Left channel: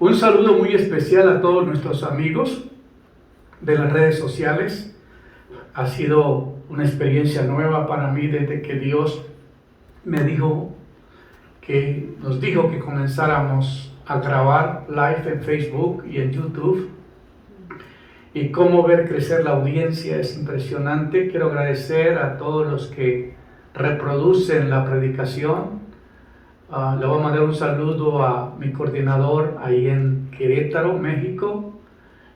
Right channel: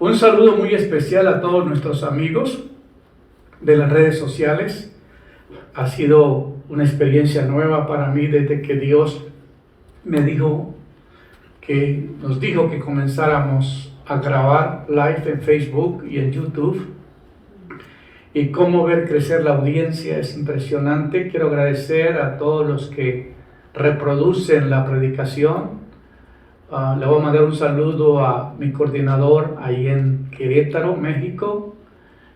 Un saludo muy especial a todos nuestros amigos de las redes sociales. Ha sido una experiencia nueva para mí desde que Dios nos dijo que comenzáramos a grabar live en Facebook y en YouTube. Y cómo ver crecer la audiencia es impresionante. Quiero agradecer a todos los que reproducen la predicación. Le voy a mandar un saludo a mi coordinador ahí en Querétaro, México.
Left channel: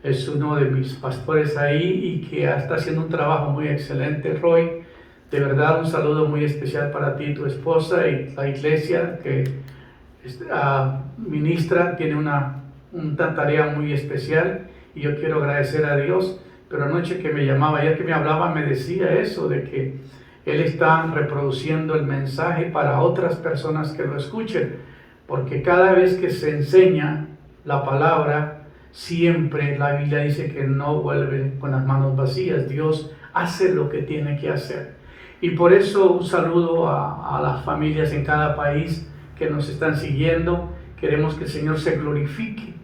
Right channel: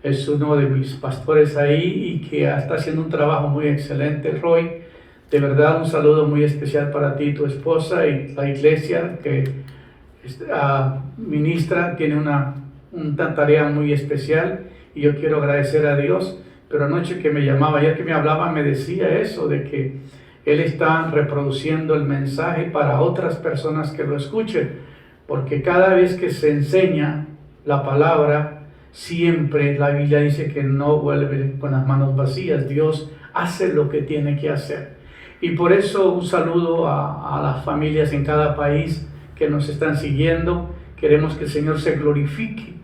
Es uno de mis pastores ahí y que está haciendo un trabajo muy excelente, Roy. De verdad, un saludo muy especial para ti, tu esposa y la iglesia que ministra. Tiene una tarea muy especial y yo quiero agradecer a Dios. Pero anoche que me llamaba, ayer que me hablaba, me decía eso de que Él está reproduciendo el mensaje para otras personas que lo escuchen, porque cada vez que se enseña la palabra, siempre la Biblia dice que no vuelve con las manos vacías. Dios hace lo que tiene que hacer. Y por eso un saludo a las familias en cada país que nos están siguiendo. Queremos que el Señor se glorifique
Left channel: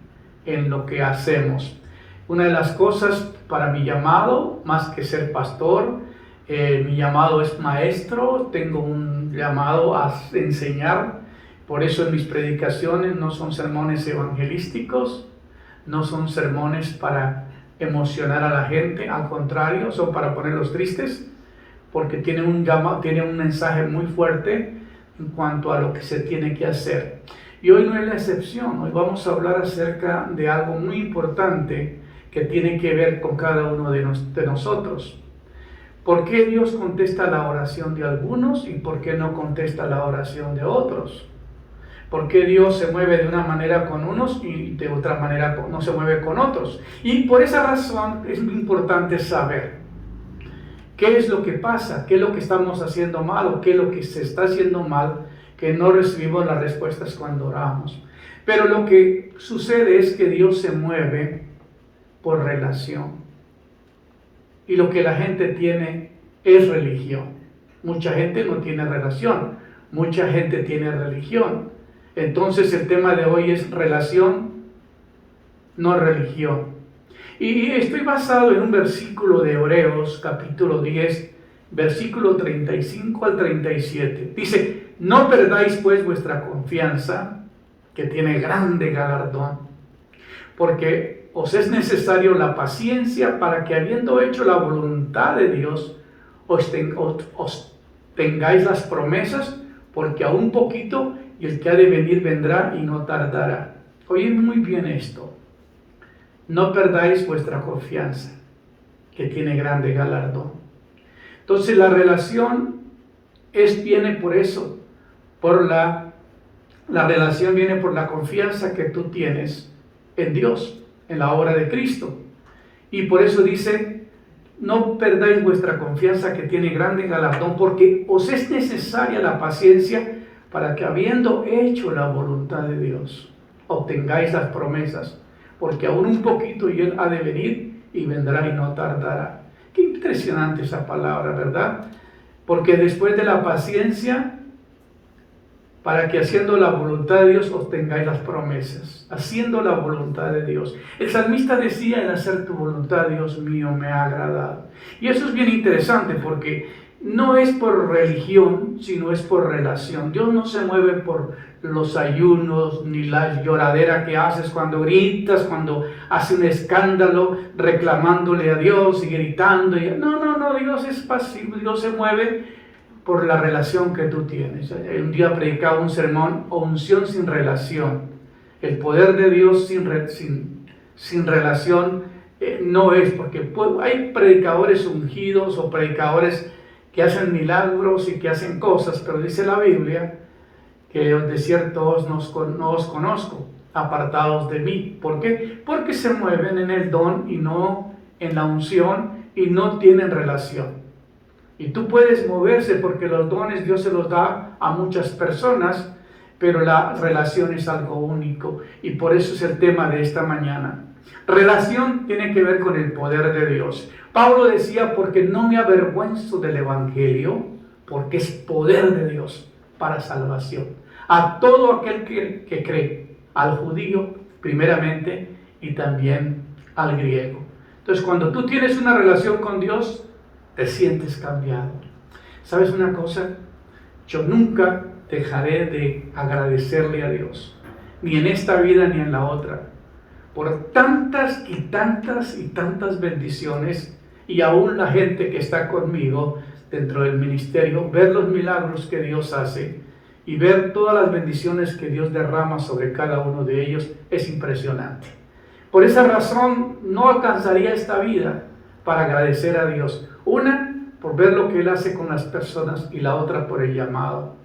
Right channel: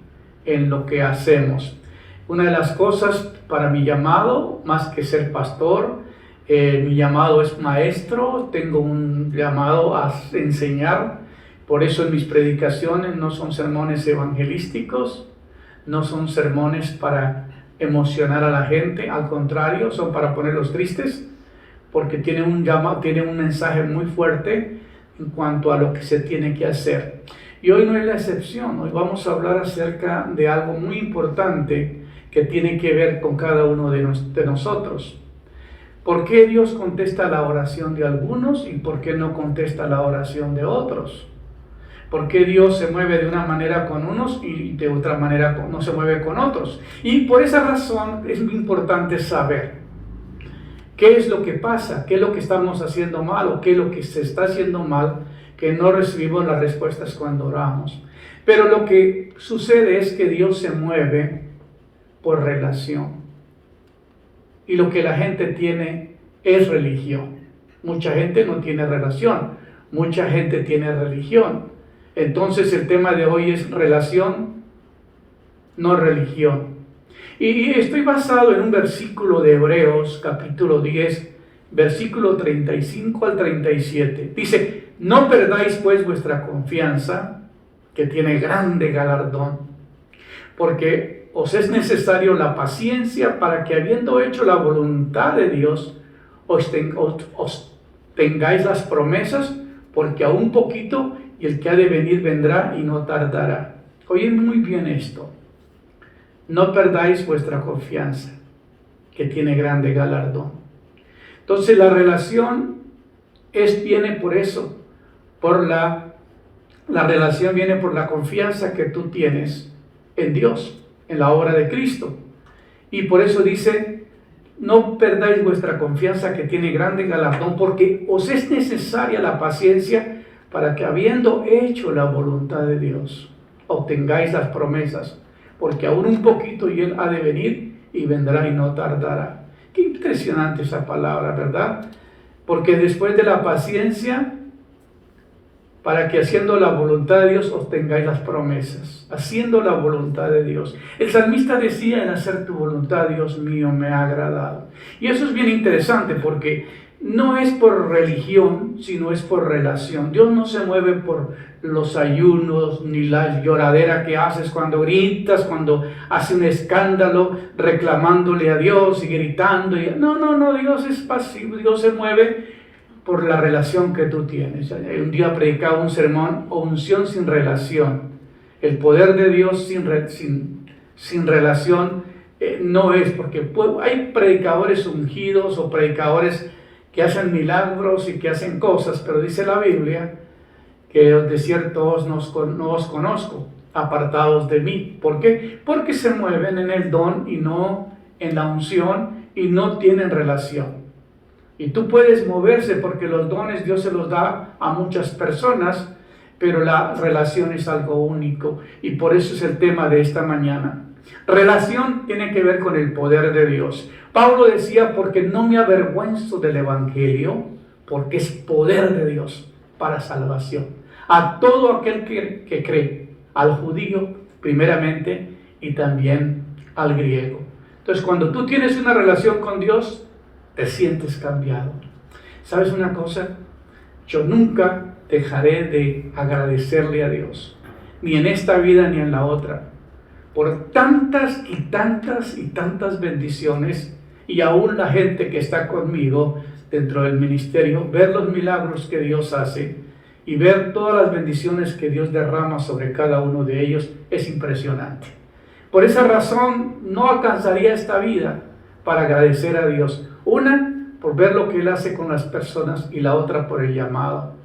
en lo que hacemos. Una de las cosas para mi llamado, más que ser pastor, mi llamado es maestro. Tengo un llamado a enseñar. Por eso en mis predicaciones no son sermones evangelísticos, no son sermones para emocionar a la gente, al contrario, son para ponerlos tristes, porque tiene un mensaje muy fuerte en cuanto a lo que se tiene que hacer. Y hoy no es la excepción. Hoy vamos a hablar acerca de algo muy importante que tiene que ver con cada uno de nosotros. ¿Por qué Dios contesta la oración de algunos y por qué no contesta la oración de otros? ¿Por qué Dios se mueve de una manera con unos y de otra manera no se mueve con otros? Y por esa razón es muy importante saber qué es lo que pasa, qué es lo que estamos haciendo mal o qué es lo que se está haciendo mal, que no recibimos las respuestas cuando oramos. Pero lo que sucede es que Dios se mueve por relación. Y lo que la gente tiene es religión. Mucha gente no tiene relación, mucha gente tiene religión. Entonces el tema de hoy es relación, no religión. Y estoy basado en un versículo de Hebreos, capítulo 10, versículo 35 al 37. Dice: no perdáis pues vuestra confianza, que tiene grande galardón, porque os es necesario la paciencia para que, habiendo hecho la voluntad de Dios, os tengáis las promesas, porque a un poquito y el que ha de venir vendrá y no tardará. Oye muy bien esto. No perdáis vuestra confianza, que tiene grande galardón. Entonces la relación viene por eso, la relación viene por la confianza que tú tienes en Dios, en la obra de Cristo. Y por eso dice: no perdáis vuestra confianza, que tiene grande galardón, porque os es necesaria la paciencia para que, habiendo hecho la voluntad de Dios, obtengáis las promesas, porque aún un poquito y Él ha de venir y vendrá y no tardará. Qué impresionante esa palabra, ¿verdad? Porque después de la paciencia, para que haciendo la voluntad de Dios obtengáis las promesas. Haciendo la voluntad de Dios. El salmista decía: el hacer tu voluntad, Dios mío, me ha agradado. Y eso es bien interesante, porque no es por religión, sino es por relación. Dios no se mueve por los ayunos, ni la lloradera que haces cuando gritas, cuando haces un escándalo reclamándole a Dios y gritando. No, Dios es pasivo. Dios se mueve por la relación que tú tienes. Un día predicaba un sermón: unción sin relación. El poder de Dios sin relación no es, porque hay predicadores ungidos o predicadores que hacen milagros y que hacen cosas, pero dice la Biblia que de cierto no os conozco, apartados de mí. ¿Por qué? Porque se mueven en el don y no en la unción y no tienen relación. Y tú puedes moverse porque los dones Dios se los da a muchas personas, pero la relación es algo único. Y por eso es el tema de esta mañana. Relación tiene que ver con el poder de Dios. Pablo decía: porque no me avergüenzo del evangelio, porque es poder de Dios para salvación a todo aquel que cree, al judío primeramente, y también al griego. Entonces, cuando tú tienes una relación con Dios, te sientes cambiado. ¿Sabes una cosa? Yo nunca dejaré de agradecerle a Dios, ni en esta vida ni en la otra, por tantas y tantas y tantas bendiciones, y aún la gente que está conmigo dentro del ministerio, ver los milagros que Dios hace y ver todas las bendiciones que Dios derrama sobre cada uno de ellos es impresionante. Por esa razón no alcanzaría esta vida para agradecer a Dios. Una, por ver lo que Él hace con las personas, y la otra por el llamado.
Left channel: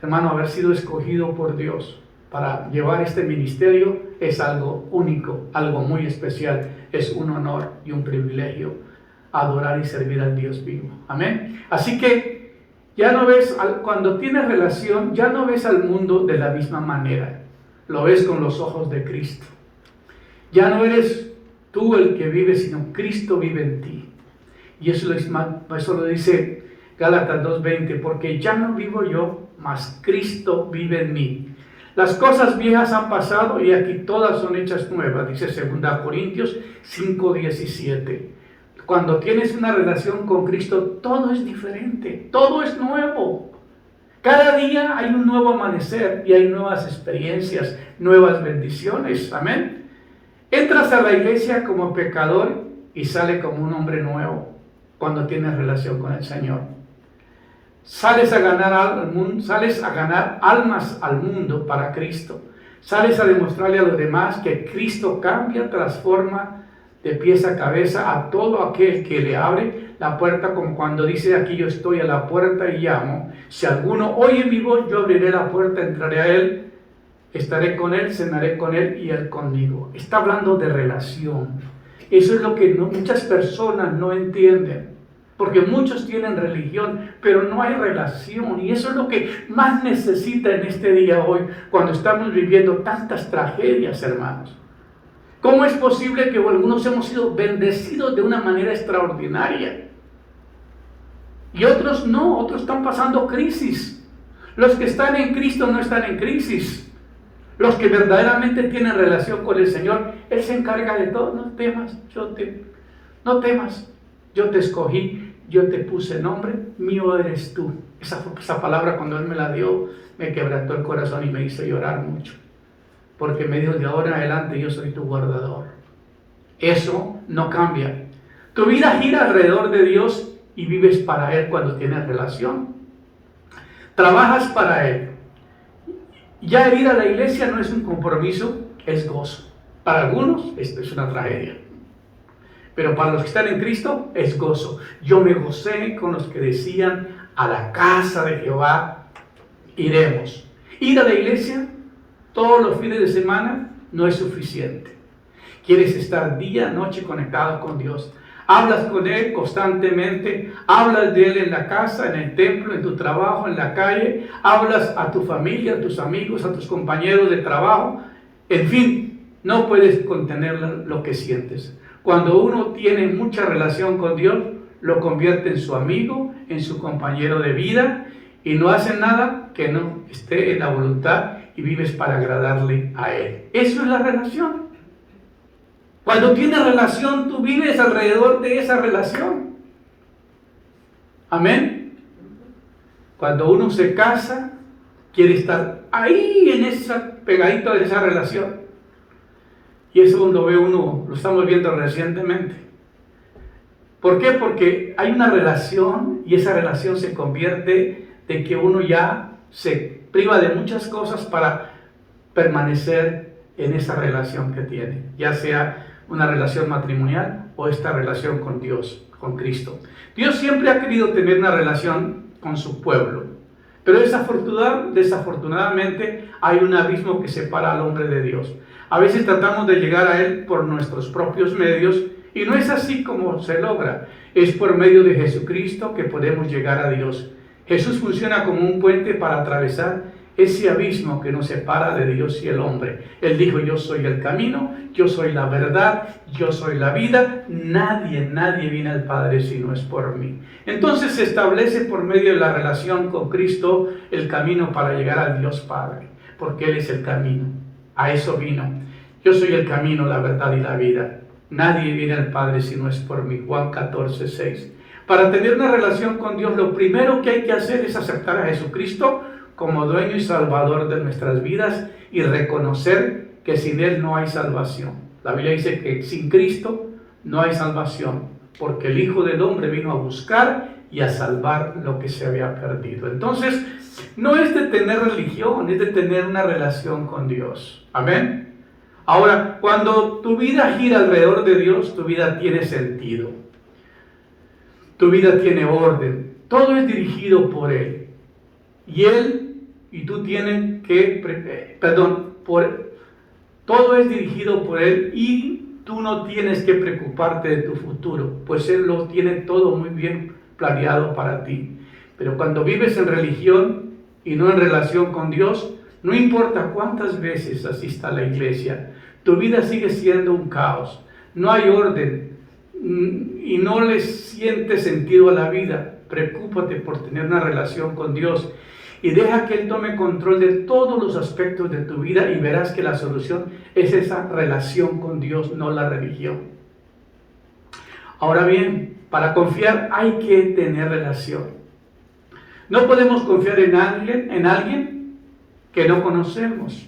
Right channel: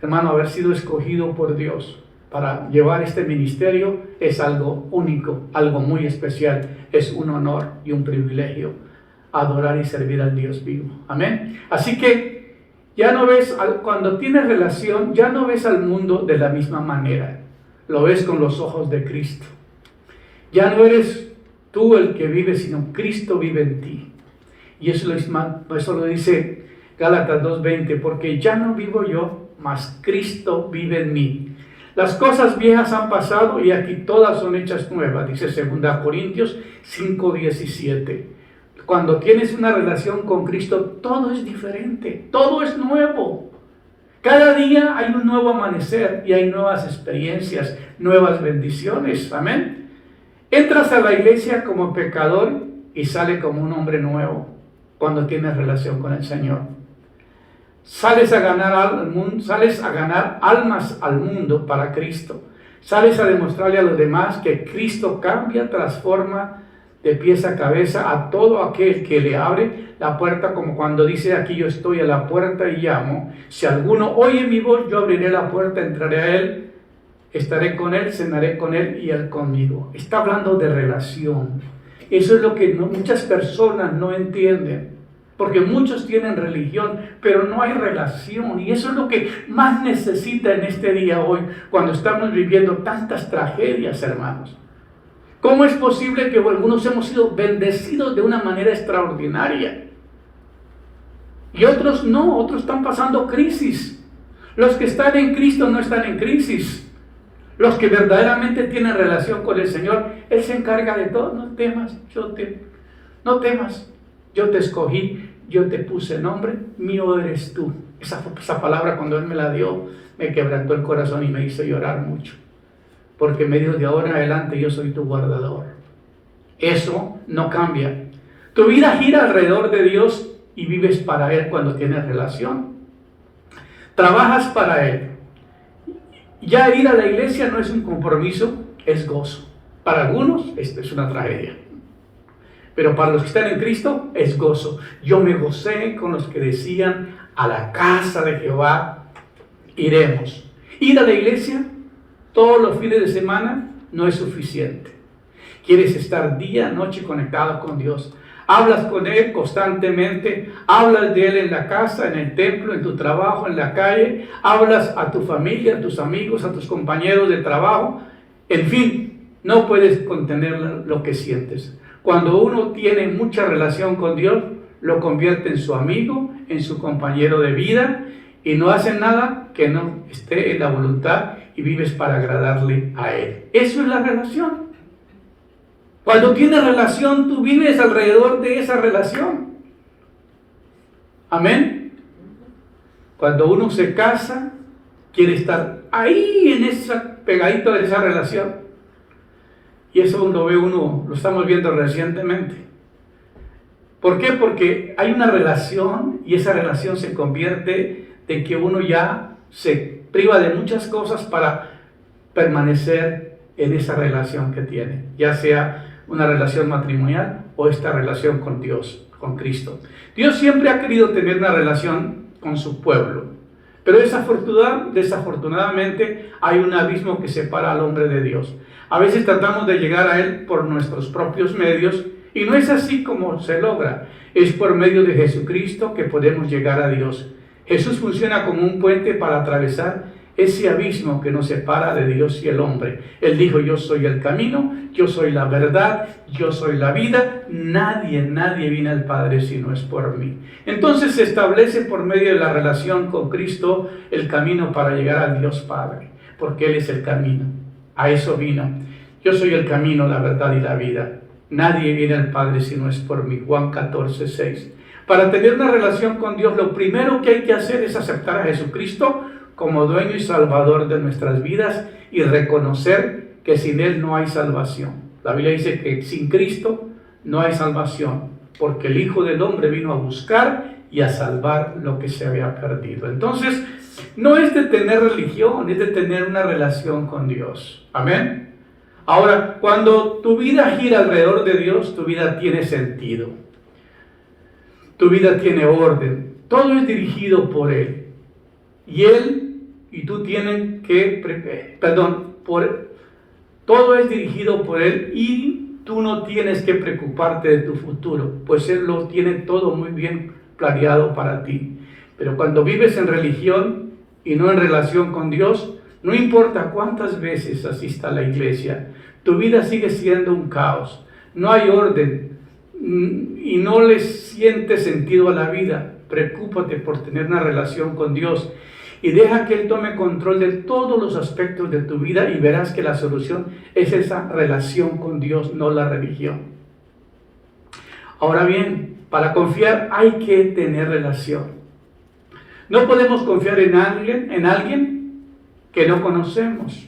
Hermano, haber sido escogido por Dios para llevar este ministerio es algo único, algo muy especial. Es un honor y un privilegio adorar y servir al Dios vivo. Amén. Así que ya no ves, cuando tienes relación, ya no ves al mundo de la misma manera. Lo ves con los ojos de Cristo. Ya no eres tú el que vive, sino Cristo vive en ti. Y eso lo dice Gálatas 2:20, porque ya no vivo yo, mas Cristo vive en mí. Las cosas viejas han pasado y aquí todas son hechas nuevas, dice 2 Corintios 5:17. Cuando tienes una relación con Cristo, todo es diferente, todo es nuevo. Cada día hay un nuevo amanecer y hay nuevas experiencias, nuevas bendiciones. Amén. Entras a la iglesia como pecador y sales como un hombre nuevo cuando tienes relación con el Señor. Sales a ganar almas al mundo para Cristo. Sales a demostrarle a los demás que Cristo cambia, transforma de pies a cabeza a todo aquel que le abre la puerta, como cuando dice aquí: yo estoy a la puerta y llamo. Si alguno oye mi voz, yo abriré la puerta, entraré a él, estaré con él, cenaré con él y él conmigo. Está hablando de relación. Eso es lo que muchas personas no entienden. Porque muchos tienen religión, pero no hay relación. Y eso es lo que más necesita en este día hoy, cuando estamos viviendo tantas tragedias, hermanos. ¿Cómo es posible que algunos hemos sido bendecidos de una manera extraordinaria? Y otros no, otros están pasando crisis. Los que están en Cristo no están en crisis. Los que verdaderamente tienen relación con el Señor, Él se encarga de todo. No temas, no temas. Yo te escogí, yo te puse nombre, mío eres tú. Esa palabra, cuando Él me la dio, me quebrantó el corazón y me hizo llorar mucho. Porque me dijo: de ahora en adelante yo soy tu guardador. Eso no cambia. Tu vida gira alrededor de Dios y vives para Él cuando tienes relación. Trabajas para Él. Ya ir a la iglesia no es un compromiso, es gozo. Para algunos esto es una tragedia. Pero para los que están en Cristo es gozo. Yo me gocé con los que decían: a la casa de Jehová iremos. Ir a la iglesia todos los fines de semana no es suficiente. Quieres estar día, noche conectado con Dios. Hablas con Él constantemente. Hablas de Él en la casa, en el templo, en tu trabajo, en la calle. Hablas a tu familia, a tus amigos, a tus compañeros de trabajo. En fin, no puedes contener lo que sientes. Cuando uno tiene mucha relación con Dios, lo convierte en su amigo, en su compañero de vida, y no hace nada que no esté en la voluntad, y vives para agradarle a Él. Eso es la relación. Cuando tienes relación, tú vives alrededor de esa relación. Amén. Cuando uno se casa, quiere estar ahí pegadito de esa relación. Y eso lo estamos viendo recientemente. ¿Por qué? Porque hay una relación y esa relación se convierte de que uno ya se priva de muchas cosas para permanecer en esa relación que tiene, ya sea una relación matrimonial o esta relación con Dios, con Cristo. Dios siempre ha querido tener una relación con su pueblo, pero desafortunadamente hay un abismo que separa al hombre de Dios. A veces tratamos de llegar a Él por nuestros propios medios y no es así como se logra. Es por medio de Jesucristo que podemos llegar a Dios. Jesús funciona como un puente para atravesar ese abismo que nos separa de Dios y el hombre. Él dijo: yo soy el camino, yo soy la verdad, yo soy la vida. Nadie viene al Padre si no es por mí. Entonces se establece por medio de la relación con Cristo el camino para llegar a Dios Padre, porque Él es el camino. A eso vino. Yo soy el camino, la verdad y la vida. Nadie viene al Padre si no es por mí. Juan 14:6. Para tener una relación con Dios, lo primero que hay que hacer es aceptar a Jesucristo como dueño y salvador de nuestras vidas y reconocer que sin Él no hay salvación. La Biblia dice que sin Cristo no hay salvación, porque el Hijo del Hombre vino a buscar y a salvar lo que se había perdido. Entonces, no es de tener religión, es de tener una relación con Dios. Amén. Ahora, cuando tu vida gira alrededor de Dios, tu vida tiene sentido. Tu vida tiene orden. Todo es dirigido por Él. Y Él y tú tienen que, todo es dirigido por Él y tú no tienes que preocuparte de tu futuro, pues Él lo tiene todo muy bien planeado para ti. Pero cuando vives en religión y no en relación con Dios, no importa cuántas veces asista a la iglesia, tu vida sigue siendo un caos. No hay orden y no le sientes sentido a la vida. Preocúpate por tener una relación con Dios y deja que Él tome control de todos los aspectos de tu vida y verás que la solución es esa relación con Dios, no la religión. Ahora bien, para confiar hay que tener relación. No podemos confiar en alguien que no conocemos.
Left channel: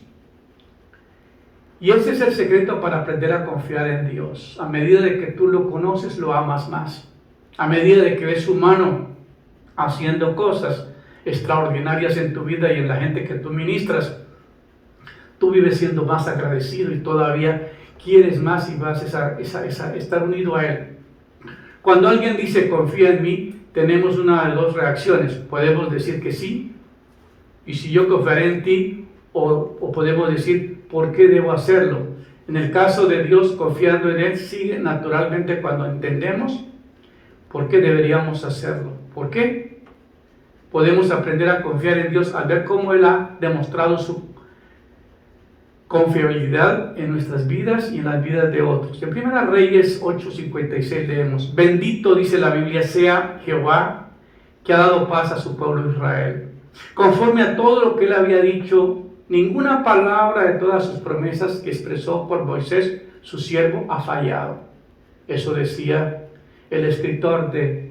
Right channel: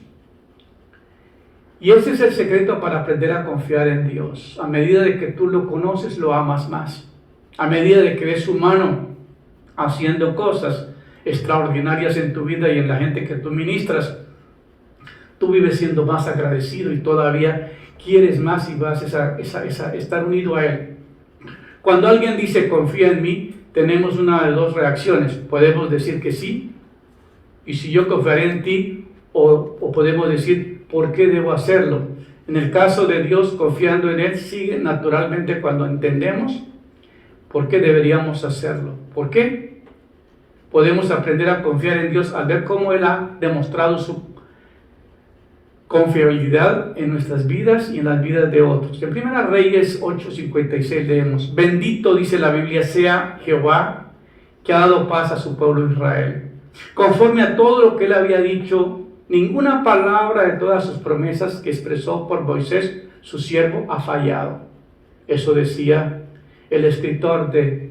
Y ese es el secreto para aprender a confiar en Dios. A medida de que tú lo conoces, lo amas más. A medida de que ves su mano haciendo cosas extraordinarias en tu vida y en la gente que tú ministras, tú vives siendo más agradecido y todavía quieres más y vas a estar unido a Él. Cuando alguien dice confía en mí, tenemos una de dos reacciones. Podemos decir que sí, y si yo confiaré en ti, o podemos decir ¿por qué debo hacerlo? En el caso de Dios, confiando en Él, sigue naturalmente cuando entendemos por qué deberíamos hacerlo. ¿Por qué? Podemos aprender a confiar en Dios al ver cómo Él ha demostrado su confiabilidad en nuestras vidas y en las vidas de otros. En 1 Reyes 8:56 leemos: bendito, dice la Biblia, sea Jehová, que ha dado paz a su pueblo Israel. Conforme a todo lo que Él había dicho, ninguna palabra de todas sus promesas que expresó por Moisés, su siervo, ha fallado. Eso decía el escritor de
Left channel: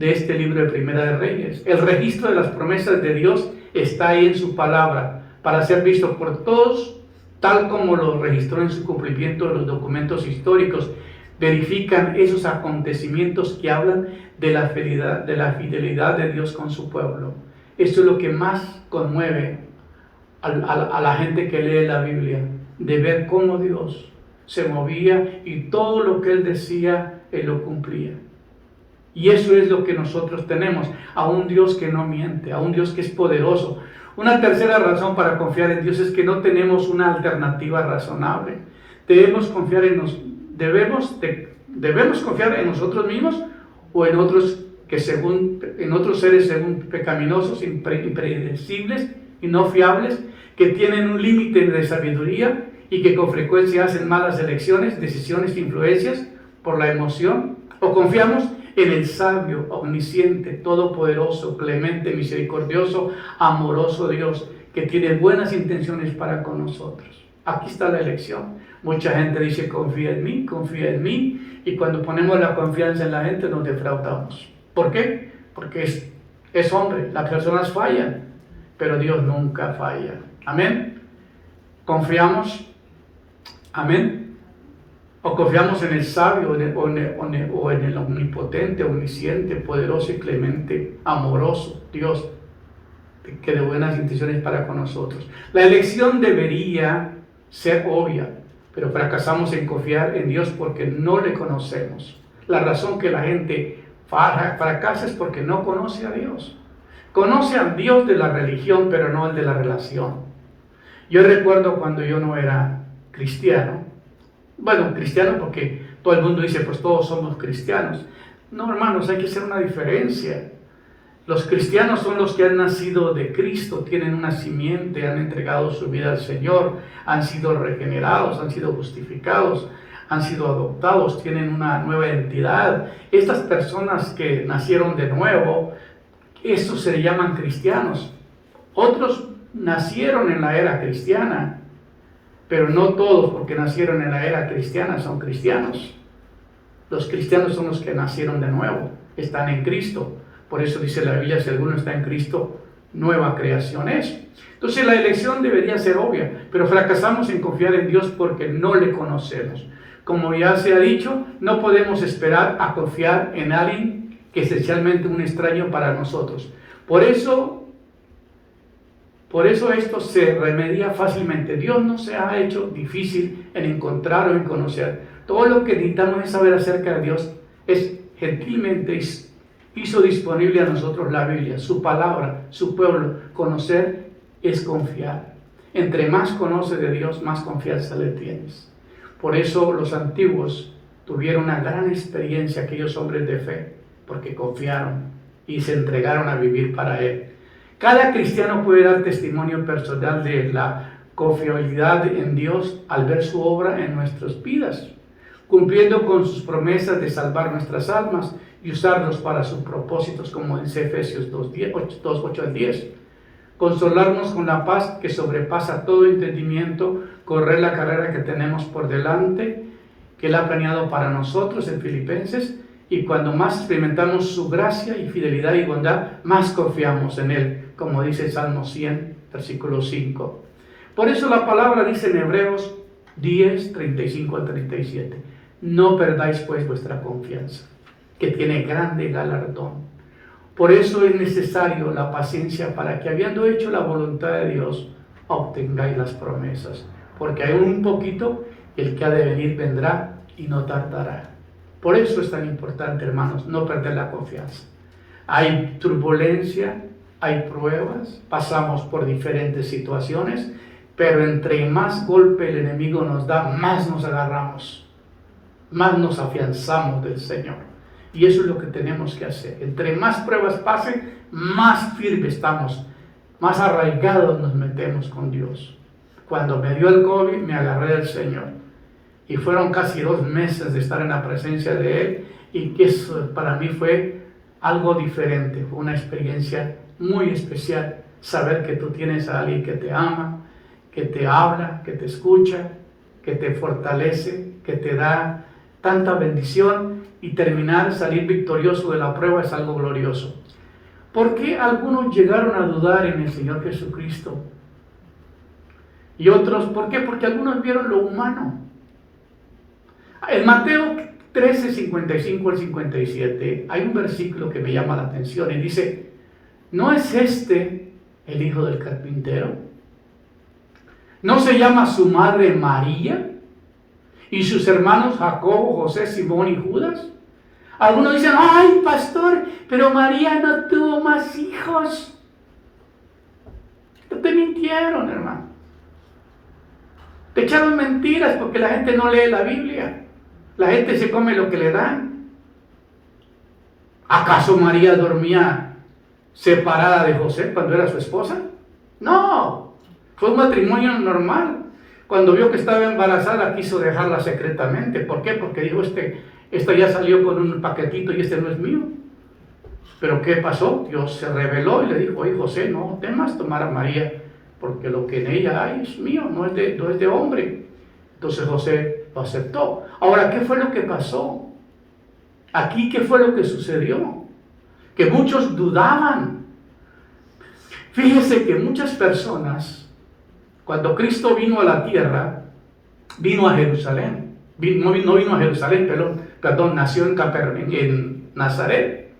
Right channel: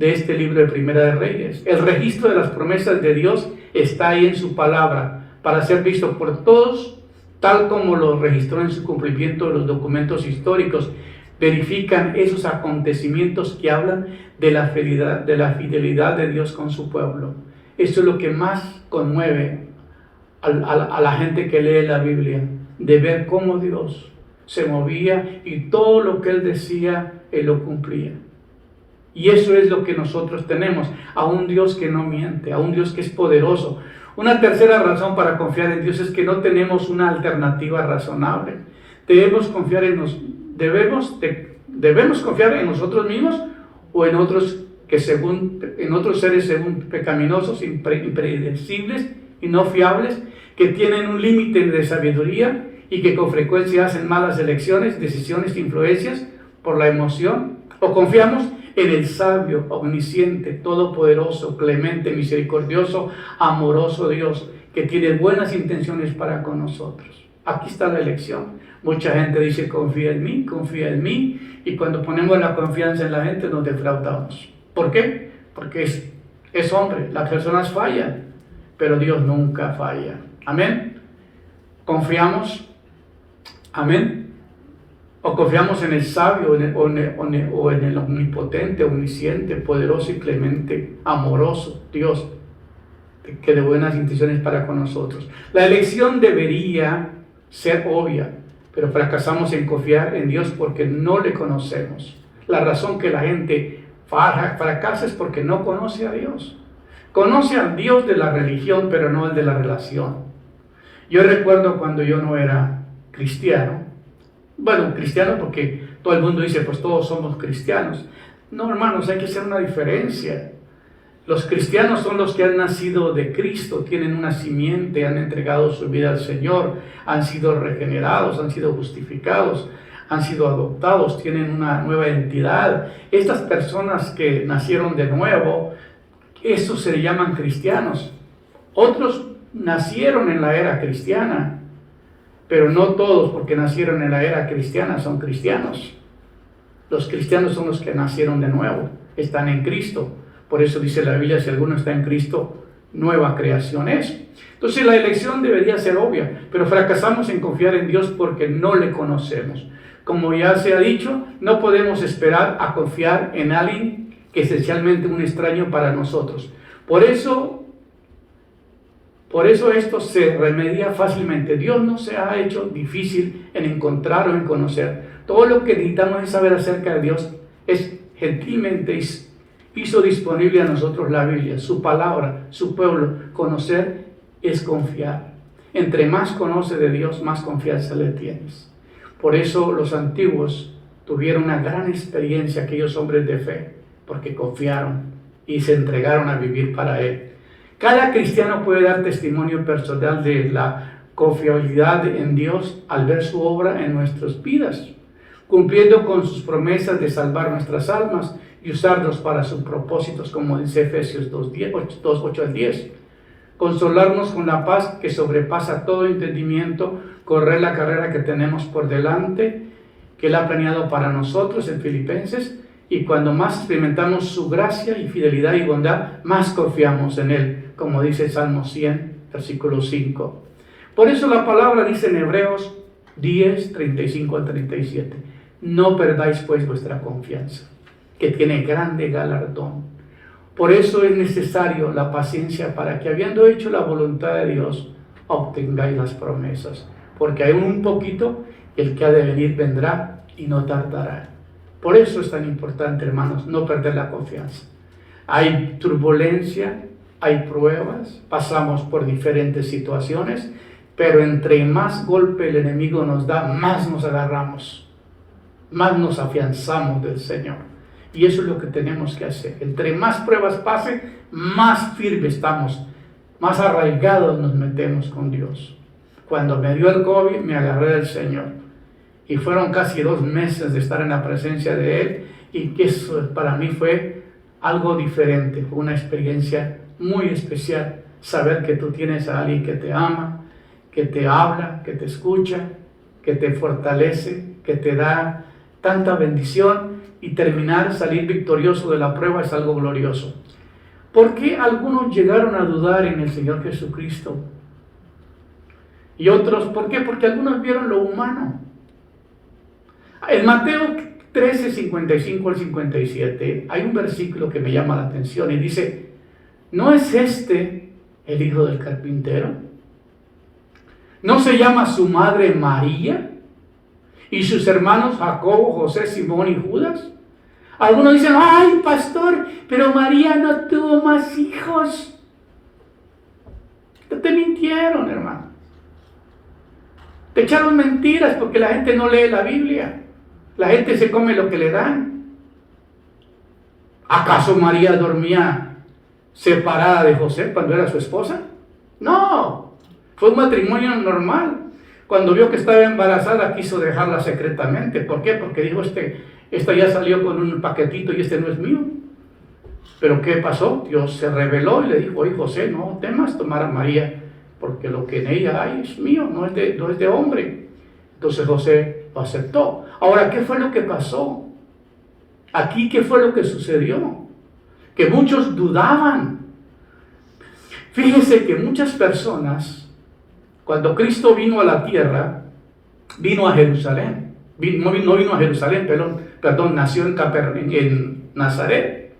este libro de Primera de Reyes. El registro de las promesas de Dios está ahí en su palabra, para ser visto por todos, tal como lo registró en su cumplimiento de los documentos históricos. Verifican esos acontecimientos que hablan de la fidelidad de Dios con su pueblo. Esto es lo que más conmueve a la gente que lee la Biblia, de ver cómo Dios se movía y todo lo que Él decía, Él lo cumplía. Y eso es lo que nosotros tenemos, a un Dios que no miente, a un Dios que es poderoso. Una tercera razón para confiar en Dios es que no tenemos una alternativa razonable. Debemos confiar en nosotros mismos o en otros seres pecaminosos, impredecibles y no fiables, que tienen un límite de sabiduría y que con frecuencia hacen malas elecciones, decisiones, influencias por la emoción. O confiamos en el sabio, omnisciente, todopoderoso, clemente, misericordioso, amoroso Dios, que tiene buenas intenciones para con nosotros. Aquí está la elección. Mucha gente dice confía en mí, y cuando ponemos la confianza en la gente nos defraudamos. ¿Por qué? Porque es hombre, las personas fallan, pero Dios nunca falla. Amén. ¿Confiamos? Amén. O confiamos en el sabio o en el omnipotente, omnisciente, poderoso y clemente, amoroso Dios, que de buenas intenciones para con nosotros. La elección debería ser obvia, pero fracasamos en confiar en Dios porque no le conocemos. La razón que la gente fracasa es porque no conoce a Dios. Conoce al Dios de la religión, pero no el de la relación. Yo recuerdo cuando yo no era cristiano. Bueno, cristiano porque todo el mundo dice, pues todos somos cristianos. No, hermanos, hay que hacer una diferencia. Los cristianos son los que han nacido de Cristo, tienen una simiente, han entregado su vida al Señor, han sido regenerados, han sido justificados, han sido adoptados, tienen una nueva identidad. Estas personas que nacieron de nuevo, estos se llaman cristianos. Otros nacieron en la era cristiana, pero no todos, porque nacieron en la era cristiana, son cristianos. Los cristianos son los que nacieron de nuevo, están en Cristo. Por eso dice la Biblia, si alguno está en Cristo, nueva creación es. Entonces la elección debería ser obvia, pero fracasamos en confiar en Dios porque no le conocemos. Como ya se ha dicho, no podemos esperar a confiar en alguien que es esencialmente un extraño para nosotros. Por eso esto se remedia fácilmente. Dios no se ha hecho difícil en encontrar o en conocer. Todo lo que necesitamos es saber acerca de Dios. Es gentilmente hizo disponible a nosotros la Biblia, su palabra, su pueblo. Conocer es confiar. Entre más conoce de Dios, más confianza le tienes. Por eso los antiguos tuvieron una gran experiencia, aquellos hombres de fe, porque confiaron y se entregaron a vivir para Él. Cada cristiano puede dar testimonio personal de la confiabilidad en Dios al ver su obra en nuestras vidas, cumpliendo con sus promesas de salvar nuestras almas y usarlos para sus propósitos, como dice Efesios 2:8 al 10. Consolarnos con la paz que sobrepasa todo entendimiento, correr la carrera que tenemos por delante, que Él ha planeado para nosotros en Filipenses, y cuando más experimentamos su gracia y fidelidad y bondad, más confiamos en Él, como dice Salmo 100, versículo 5. Por eso la palabra dice en Hebreos 10, 35 al 37, no perdáis pues vuestra confianza, que tiene grande galardón. Por eso es necesario la paciencia para que, habiendo hecho la voluntad de Dios, obtengáis las promesas. Porque hay un poquito, el que ha de venir vendrá y no tardará. Por eso es tan importante, hermanos, no perder la confianza. Hay turbulencia, hay pruebas, pasamos por diferentes situaciones, pero entre más golpe el enemigo nos da, más nos agarramos, más nos afianzamos del Señor. Y eso es lo que tenemos que hacer. Entre más pruebas pasen, más firmes estamos, más arraigados nos metemos con Dios. Cuando me dio el COVID, me agarré del Señor. Y fueron casi 2 meses de estar en la presencia de Él. Y que eso para mí fue algo diferente. Fue una experiencia muy especial. Saber que tú tienes a alguien que te ama, que te habla, que te escucha, que te fortalece, que te da tanta bendición. Y salir victorioso de la prueba es algo glorioso. ¿Por qué algunos llegaron a dudar en el Señor Jesucristo? Y otros, ¿por qué? Porque algunos vieron lo humano. En Mateo 13, 55 al 57, hay un versículo que me llama la atención y dice, ¿no es este el hijo del carpintero? ¿No se llama su madre María? ¿Y sus hermanos Jacobo, José, Simón y Judas? Algunos dicen, ay, pastor, pero María no tuvo más hijos. Te mintieron, hermano. Te echaron mentiras porque la gente no lee la Biblia. La gente se come lo que le dan. ¿Acaso María dormía separada de José cuando era su esposa? No, fue un matrimonio normal. Cuando vio que estaba embarazada, quiso dejarla secretamente. ¿Por qué? Porque dijo, esta ya salió con un paquetito y este no es mío. Pero ¿qué pasó? Dios se reveló y le dijo, oye José, no temas tomar a María, porque lo que en ella hay es mío, no es de hombre. Entonces José lo aceptó. Ahora, ¿qué fue lo que pasó? Aquí, ¿qué fue lo que sucedió? Que muchos dudaban. Fíjese que muchas personas, cuando Cristo vino a la tierra, vino a Jerusalén. No vino a Jerusalén, perdón, nació en Nazaret.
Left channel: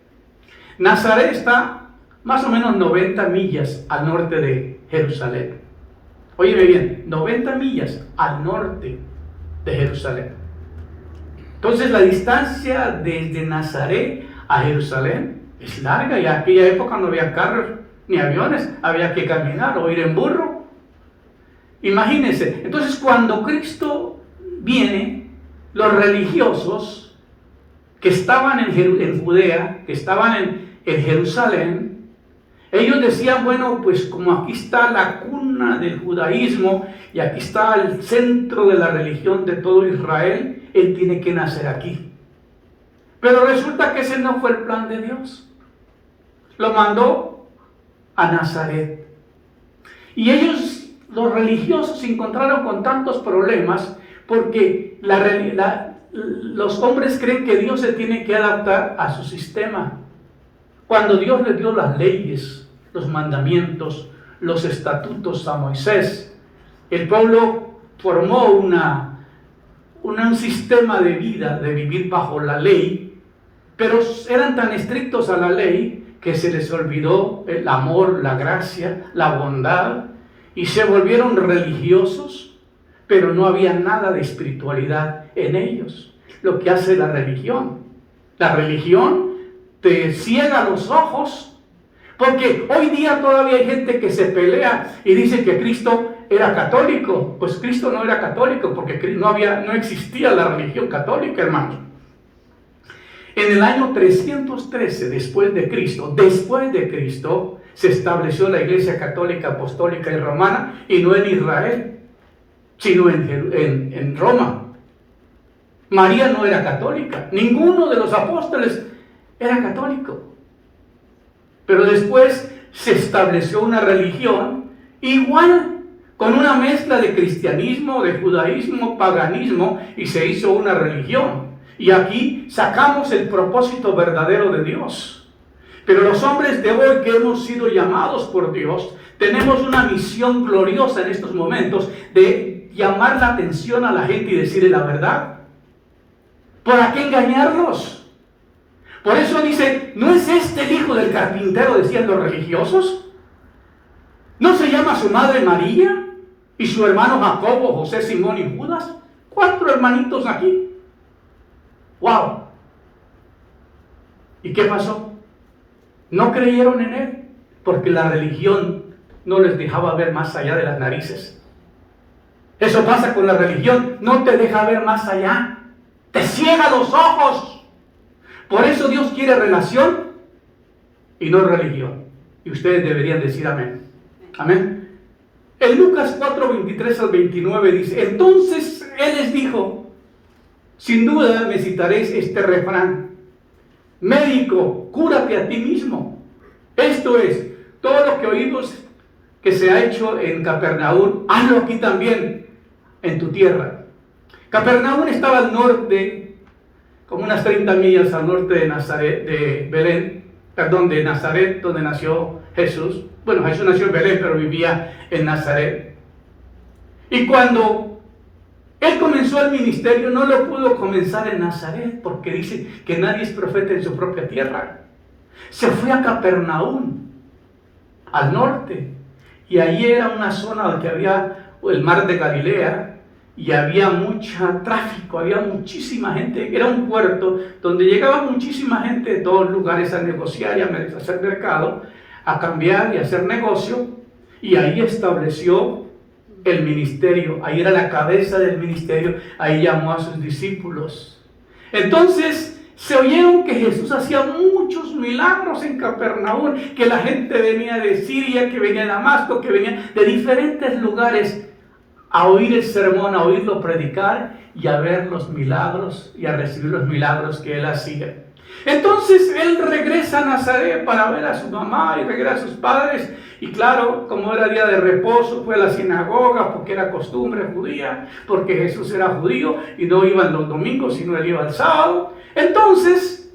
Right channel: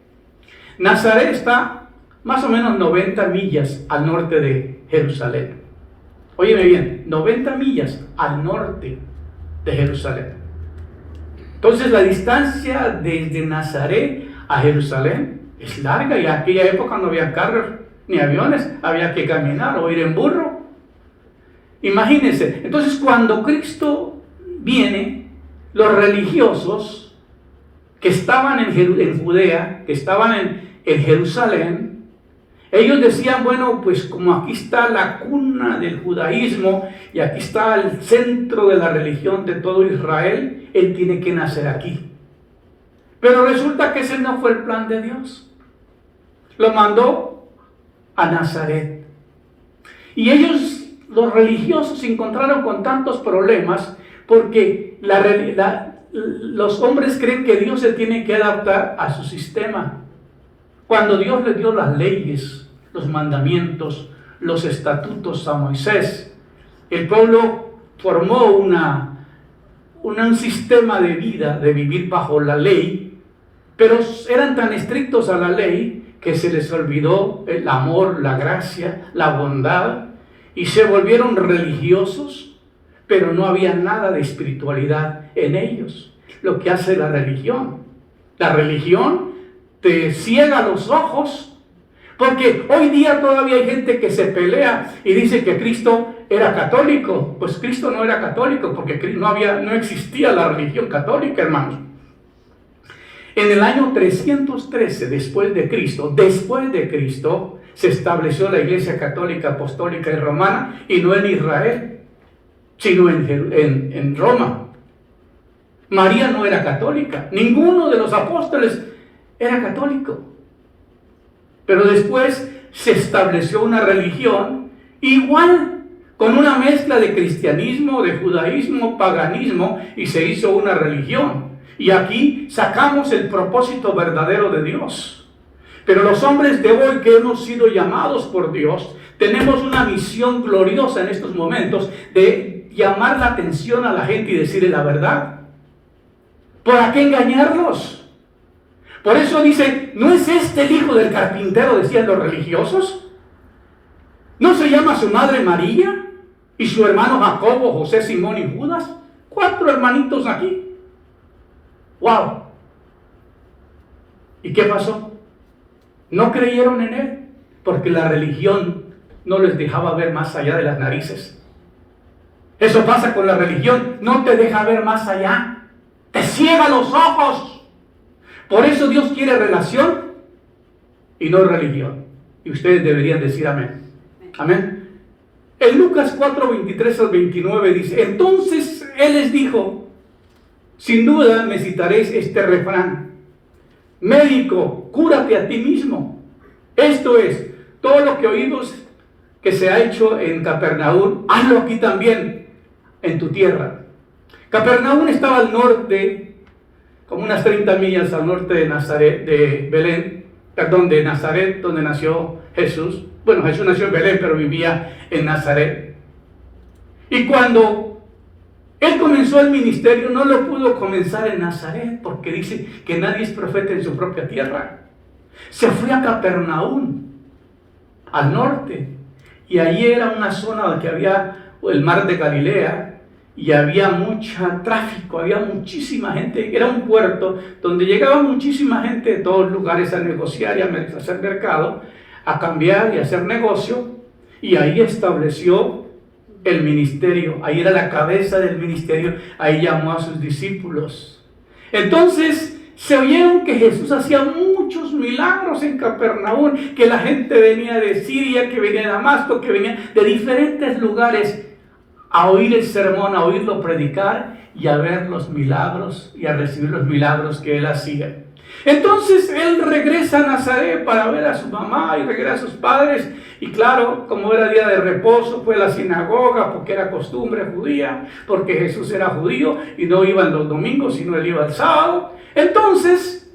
Nazaret está más o menos 90 millas al norte de Jerusalén. Óyeme bien, 90 millas al norte de Jerusalén. Entonces la distancia desde Nazaret a Jerusalén es larga, y en aquella época no había carros ni aviones, había que caminar o ir en burro. Imagínense, entonces cuando Cristo viene, los religiosos que estaban en Judea, que estaban en Jerusalén, ellos decían, bueno, pues como aquí está la cuna del judaísmo y aquí está el centro de la religión de todo Israel, Él tiene que nacer aquí. Pero resulta que ese no fue el plan de Dios. Lo mandó a Nazaret. Y ellos los religiosos se encontraron con tantos problemas porque los hombres creen que Dios se tiene que adaptar a su sistema. Cuando Dios le dio las leyes, los mandamientos, los estatutos a Moisés, el pueblo formó un sistema de vida, de vivir bajo la ley, pero eran tan estrictos a la ley que se les olvidó el amor, la gracia, la bondad, y se volvieron religiosos, pero no había nada de espiritualidad en ellos. Lo que hace la religión te ciega los ojos, porque hoy día todavía hay gente que se pelea y dice que Cristo era católico. Pues Cristo no era católico, porque no existía la religión católica, hermanos. En el año 313 después de Cristo, se estableció la Iglesia Católica, Apostólica y Romana, y no en Israel, sino en Roma. María no era católica, ninguno de los apóstoles era católico. Pero después se estableció una religión igual, con una mezcla de cristianismo, de judaísmo, paganismo, y se hizo una religión. Y aquí sacamos el propósito verdadero de Dios. Pero los hombres de hoy que hemos sido llamados por Dios, tenemos una misión gloriosa en estos momentos de llamar la atención a la gente y decirle la verdad. ¿Para qué engañarlos? Por eso dice, ¿no es este el hijo del carpintero?, decían los religiosos. ¿No se llama su madre María? ¿Y su hermano Jacobo, José, Simón y Judas? 4 hermanitos aquí. ¡Wow! ¿Y qué pasó? No creyeron en él, porque la religión no les dejaba ver más allá de las narices. Eso pasa con la religión, no te deja ver más allá. Te ciega los ojos. Por eso Dios quiere relación y no religión. Y ustedes deberían decir amén. Amén. En Lucas 4:23 al 29 dice, entonces Él les dijo, sin duda me citaréis este refrán: médico, cúrate a ti mismo. Esto es, todo lo que oímos que se ha hecho en Capernaum, hazlo aquí también, en tu tierra. Capernaum estaba al norte, como unas 30 millas al norte de Nazaret, de Nazaret, donde nació Jesús. Bueno, Jesús nació en Belén, pero vivía en Nazaret. Y cuando Él comenzó el ministerio, no lo pudo comenzar en Nazaret, porque dice que nadie es profeta en su propia tierra. Se fue a Capernaum, al norte, y allí era una zona donde había el mar de Galilea, y había mucho tráfico, había muchísima gente. Era un puerto donde llegaba muchísima gente de todos lugares a negociar y a hacer mercado, a cambiar y a hacer negocio, y ahí estableció el ministerio. Ahí era la cabeza del ministerio, ahí llamó a sus discípulos. Entonces se oyeron que Jesús hacía muchos milagros en Capernaum, que la gente venía de Siria, que venía de Damasco, que venía de diferentes lugares a oír el sermón, a oírlo predicar y a ver los milagros y a recibir los milagros que Él hacía. Entonces Él regresa a Nazaret para ver a su mamá y regresa a sus padres, y claro, como era día de reposo, fue a la sinagoga porque era costumbre judía, porque Jesús era judío y no iban los domingos, sino Él iba el sábado. Entonces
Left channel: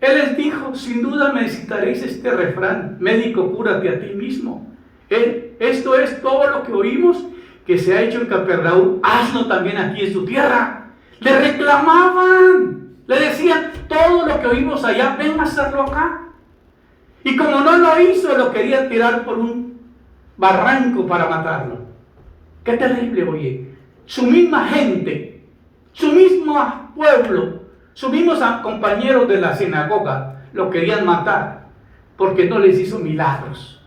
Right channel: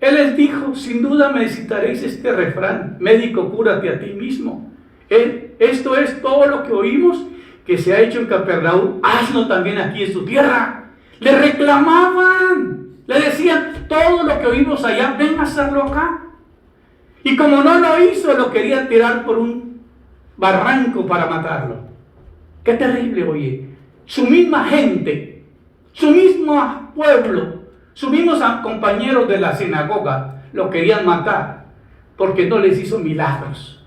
Él les dijo, sin duda me citaréis este refrán: médico, cúrate a ti mismo. Esto es todo lo que oímos que se ha hecho en Capernaum, hazlo también aquí en su tierra. Le reclamaban, le decían, todo lo que oímos allá, ven a hacerlo acá. Y como no lo hizo, lo quería tirar por un barranco para matarlo. Qué terrible, oye. Su misma gente, su mismo pueblo, sus mismos compañeros de la sinagoga lo querían matar porque no les hizo milagros.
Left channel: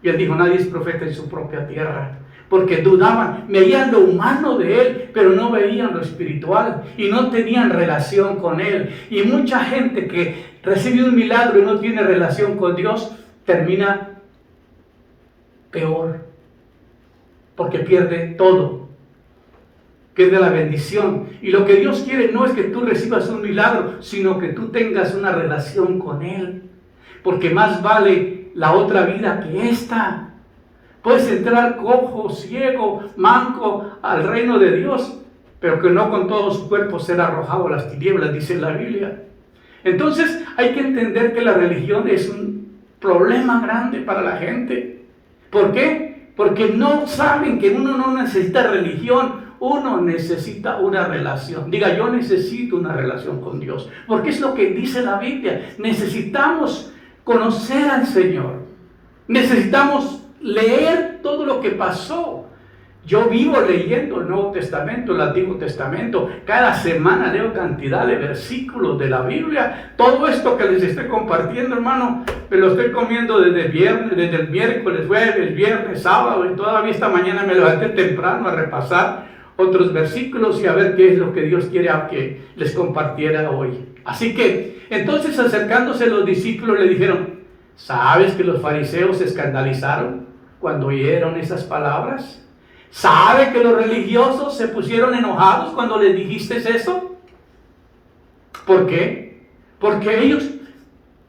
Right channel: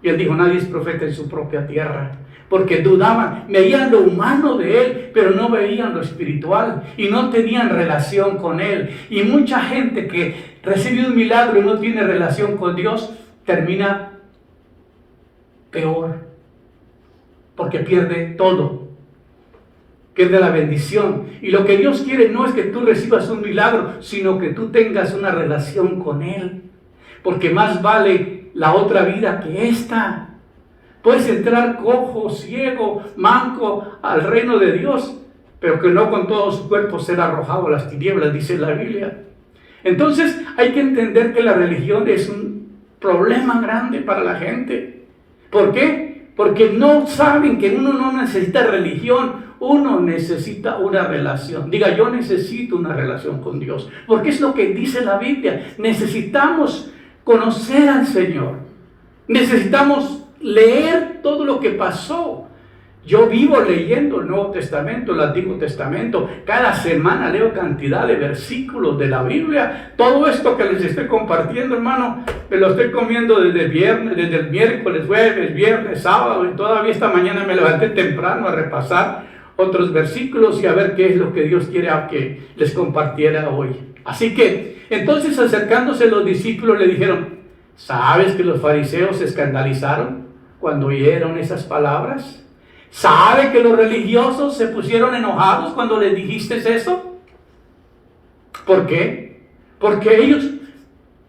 Y Él dijo, nadie es profeta en su propia tierra. Porque dudaban, veían lo humano de Él, pero no veían lo espiritual y no tenían relación con Él. Y mucha gente que recibe un milagro y no tiene relación con Dios, termina peor, porque pierde todo, pierde la bendición. Y lo que Dios quiere no es que tú recibas un milagro, sino que tú tengas una relación con Él, porque más vale la otra vida que esta. Puedes entrar cojo, ciego, manco al reino de Dios, pero que no con todo su cuerpo será arrojado a las tinieblas, dice la Biblia. Entonces hay que entender que la religión es un problema grande para la gente. ¿Por qué? Porque no saben que uno no necesita religión, uno necesita una relación. Diga, yo necesito una relación con Dios, porque es lo que dice la Biblia. Necesitamos conocer al Señor, necesitamos leer todo lo que pasó. Yo vivo leyendo el Nuevo Testamento, el Antiguo Testamento. Cada semana leo cantidad de versículos de la Biblia. Todo esto que les estoy compartiendo, hermano, me lo estoy comiendo desde el miércoles, jueves, viernes, sábado, y todavía esta mañana me levanté temprano a repasar otros versículos y a ver qué es lo que Dios quiere que les compartiera hoy. Así que, entonces acercándose los discípulos le dijeron, ¿sabes que los fariseos se escandalizaron cuando oyeron esas palabras? ¿Sabe que los religiosos se pusieron enojados cuando les dijiste eso? ¿Por qué? Porque ellos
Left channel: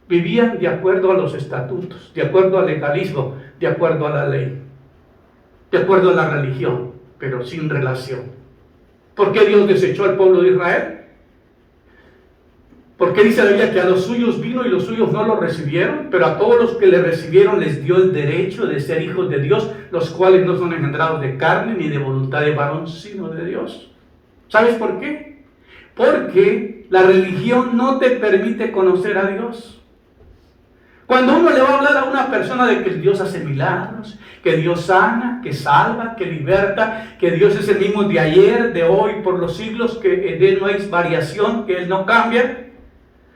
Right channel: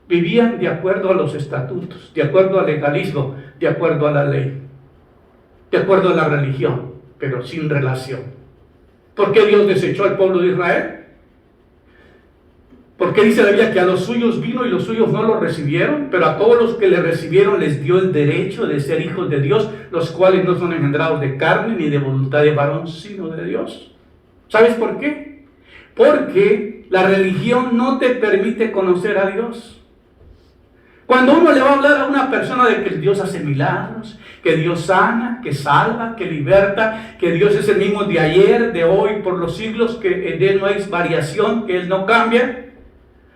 vivían de acuerdo a los estatutos, de acuerdo al legalismo, de acuerdo a la ley, de acuerdo a la religión, pero sin relación. ¿Por qué Dios desechó al pueblo de Israel? Porque dice la Biblia que a los suyos vino y los suyos no lo recibieron, pero a todos los que le recibieron les dio el derecho de ser hijos de Dios, los cuales no son engendrados de carne ni de voluntad de varón, sino de Dios. ¿Sabes por qué? Porque la religión no te permite conocer a Dios. Cuando uno le va a hablar a una persona de que Dios hace milagros, que Dios sana, que salva, que liberta, que Dios es el mismo de ayer, de hoy, por los siglos, que en Él no hay variación, que Él no cambia,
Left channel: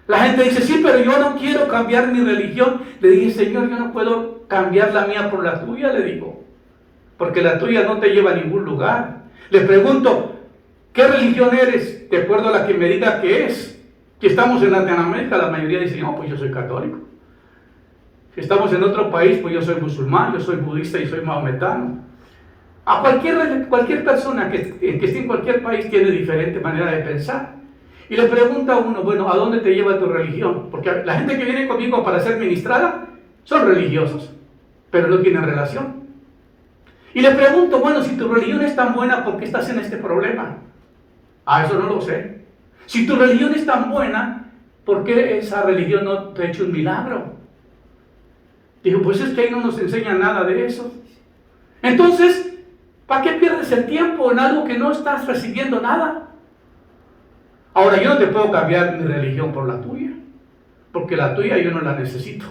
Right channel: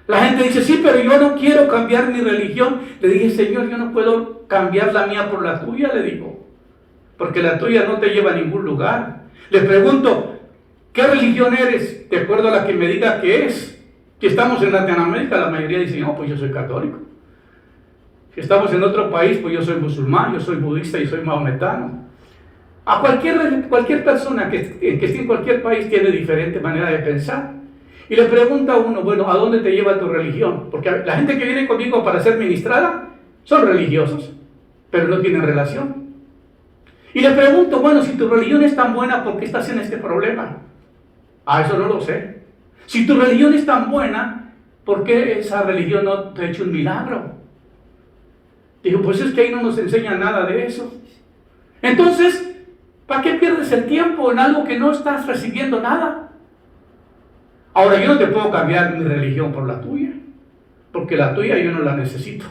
la gente dice, sí, pero yo no quiero cambiar mi religión. Le dije, Señor, yo no puedo cambiar la mía por la tuya, le digo, porque la tuya no te lleva a ningún lugar. Le pregunto, ¿qué religión eres? De acuerdo a la que me diga que es. Si estamos en Latinoamérica, la mayoría dice, no, pues yo soy católico. Si estamos en otro país, pues yo soy musulmán, yo soy budista y soy maometano. A cualquier persona que esté en cualquier país tiene diferente manera de pensar. Y le pregunta a uno, bueno, ¿a dónde te lleva tu religión? Porque la gente que viene conmigo para ser ministrada son religiosos, pero no tienen relación. Y le pregunto, bueno, si tu religión es tan buena, ¿por qué estás en este problema? Ah, eso no lo sé. Si tu religión es tan buena, ¿por qué esa religión no te ha hecho un milagro? Dijo, pues es que ahí no nos enseña nada de eso. Entonces, ¿para qué pierdes el tiempo en algo que no estás recibiendo nada? Ahora, yo no te puedo cambiar mi religión por la tuya, porque la tuya yo no la necesito,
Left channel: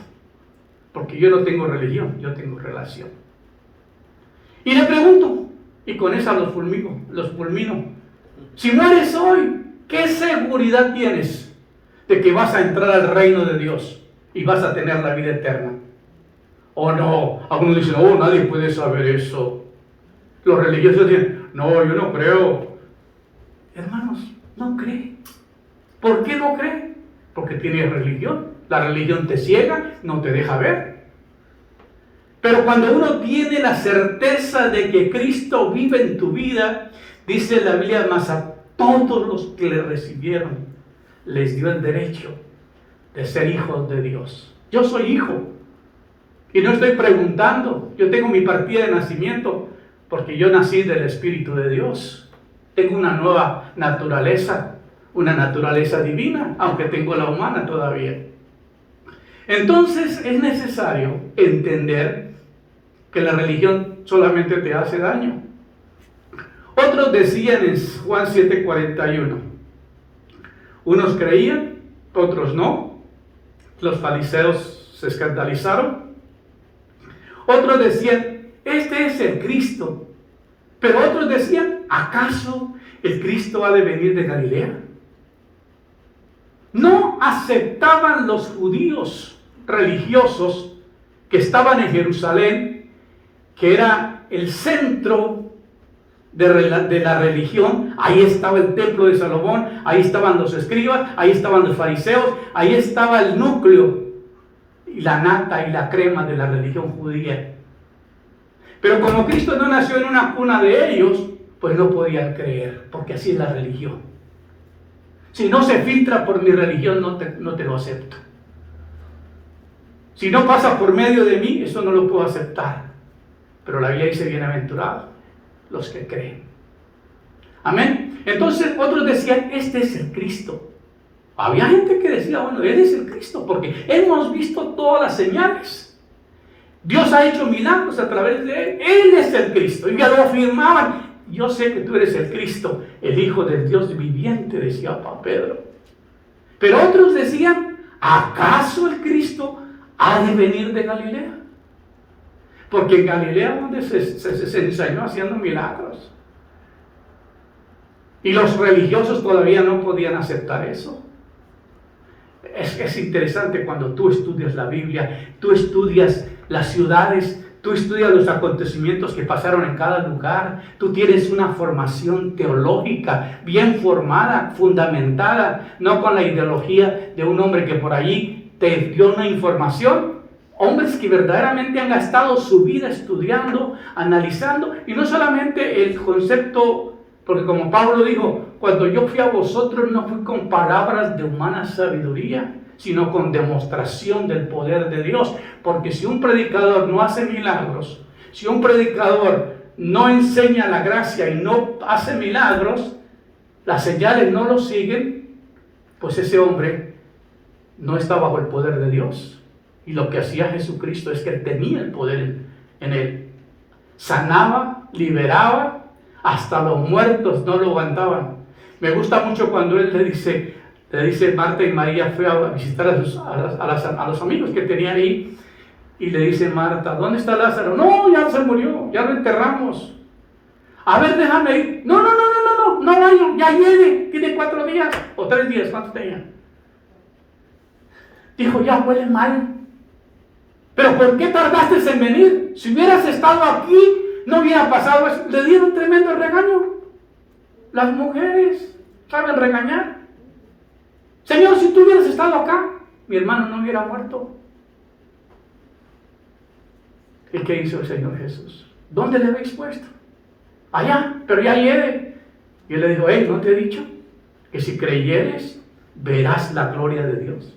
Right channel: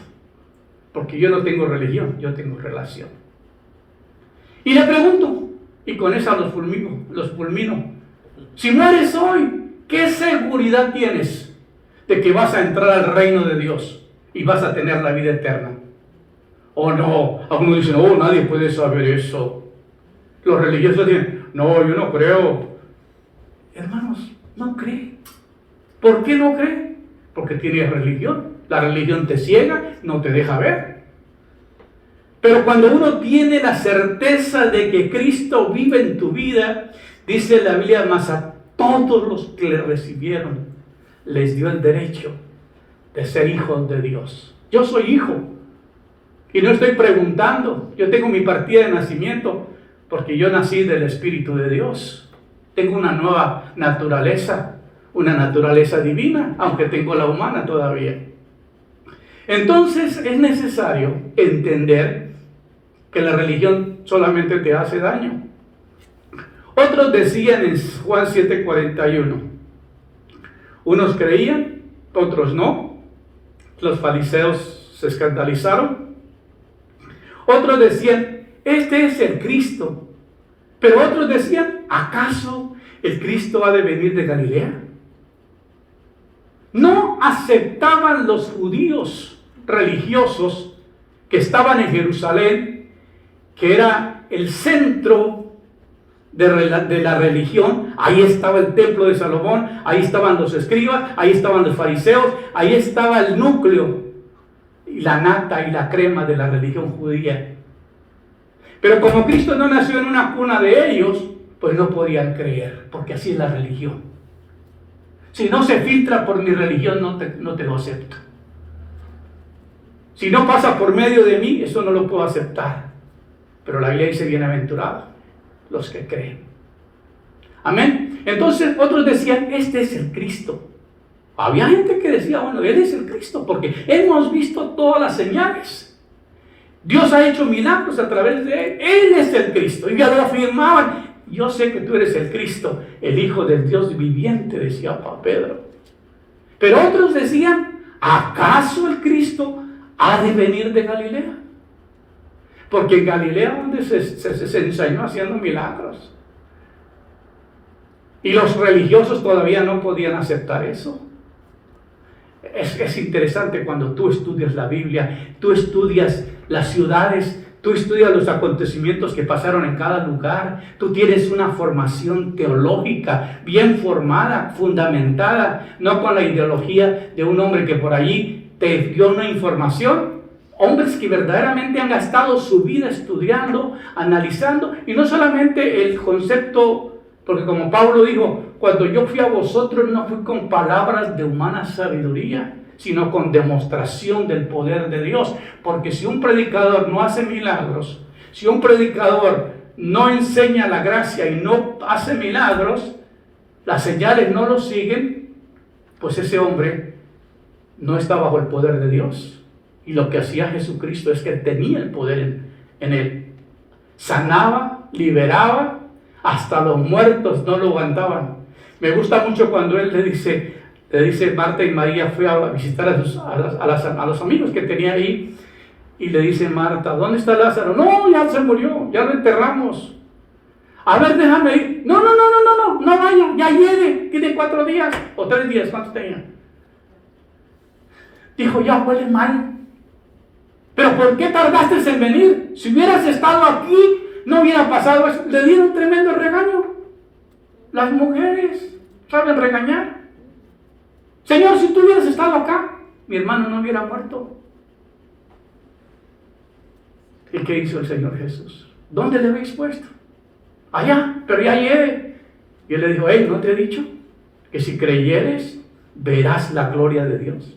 porque yo no tengo religión, yo tengo relación. Y le pregunto, y con esa los fulmino, si mueres hoy, ¿qué seguridad tienes de que vas a entrar al reino de Dios y vas a tener la vida eterna? ¿O no? Algunos dicen, oh, nadie puede saber eso. Los religiosos dicen, no, yo no creo. Hermanos, no cree. ¿Por qué no cree? Porque tienes religión. La religión te ciega, no te deja ver. Pero cuando uno tiene la certeza de que Cristo vive en tu vida, dice la Biblia, más a todos los que le recibieron, les dio el derecho de ser hijos de Dios. Yo soy hijo. Y no estoy preguntando, yo tengo mi partida de nacimiento, porque yo nací del Espíritu de Dios. Tengo una nueva naturaleza, una naturaleza divina, aunque tengo la humana todavía. Entonces es necesario entender que la religión solamente te hace daño. Otros decían en Juan 7:41, unos creían, otros no. Los fariseos se escandalizaron. Otros decían, este es el Cristo. Pero otros decían, ¿acaso el Cristo ha de venir de Galilea? No aceptaban los judíos religiosos que estaban en Jerusalén, que era el centro de la religión. Ahí estaba el templo de Salomón, ahí estaban los escribas, ahí estaban los fariseos, ahí estaba el núcleo y la nata y la crema de la religión judía. Pero como Cristo no nació en una cuna de ellos, pues no podían creer, porque así es la religión. Si no se filtra por mi religión, no te lo acepto. Si no pasa por medio de mí, eso no lo puedo aceptar. Pero la Biblia dice bienaventurados los que creen. Amén. Entonces otros decían, este es el Cristo. Había gente que decía, bueno, Él es el Cristo, porque hemos visto todas las señales. Dios ha hecho milagros a través de Él. Él es el Cristo. Y ya lo afirmaban. Yo sé que tú eres el Cristo, el Hijo del Dios viviente, decía Pedro. Pero otros decían, ¿acaso el Cristo ha de venir de Galilea? Porque en Galilea donde se enseñó haciendo milagros. Y los religiosos todavía no podían aceptar eso. Es interesante cuando tú estudias la Biblia, tú estudias las ciudades, tú estudias los acontecimientos que pasaron en cada lugar, tú tienes una formación teológica bien formada, fundamentada, no con la ideología de un hombre que por allí te dio una información. Hombres que verdaderamente han gastado su vida estudiando, analizando, y no solamente el concepto, porque como Pablo dijo, cuando yo fui a vosotros no fui con palabras de humana sabiduría, sino con demostración del poder de Dios. Porque si un predicador no hace milagros, si un predicador no enseña la gracia y no hace milagros, las señales no lo siguen, pues ese hombre no está bajo el poder de Dios. Y lo que hacía Jesucristo es que tenía el poder en él. Sanaba, liberaba, hasta los muertos no lo aguantaban. Me gusta mucho cuando él le dice Marta y María, fue a visitar a los amigos que tenía ahí, y le dice Marta, ¿dónde está Lázaro? No, ya se murió, ya lo enterramos. A ver, déjame ir. No vaya, ya viene, tiene 4 días o 3 días, ¿cuánto tenía? Dijo, ya huele mal. Pero ¿por qué tardaste en venir? Si hubieras estado aquí, no hubiera pasado eso. Le dieron tremendo regaño. Las mujeres saben regañar. Señor, si tú hubieras estado acá, mi hermano no hubiera muerto. ¿Y qué hizo el Señor Jesús? ¿Dónde le habéis puesto? Allá, pero ya lleve. Y él le dijo, hey, ¿no te he dicho que si creyeres, verás la gloria de Dios?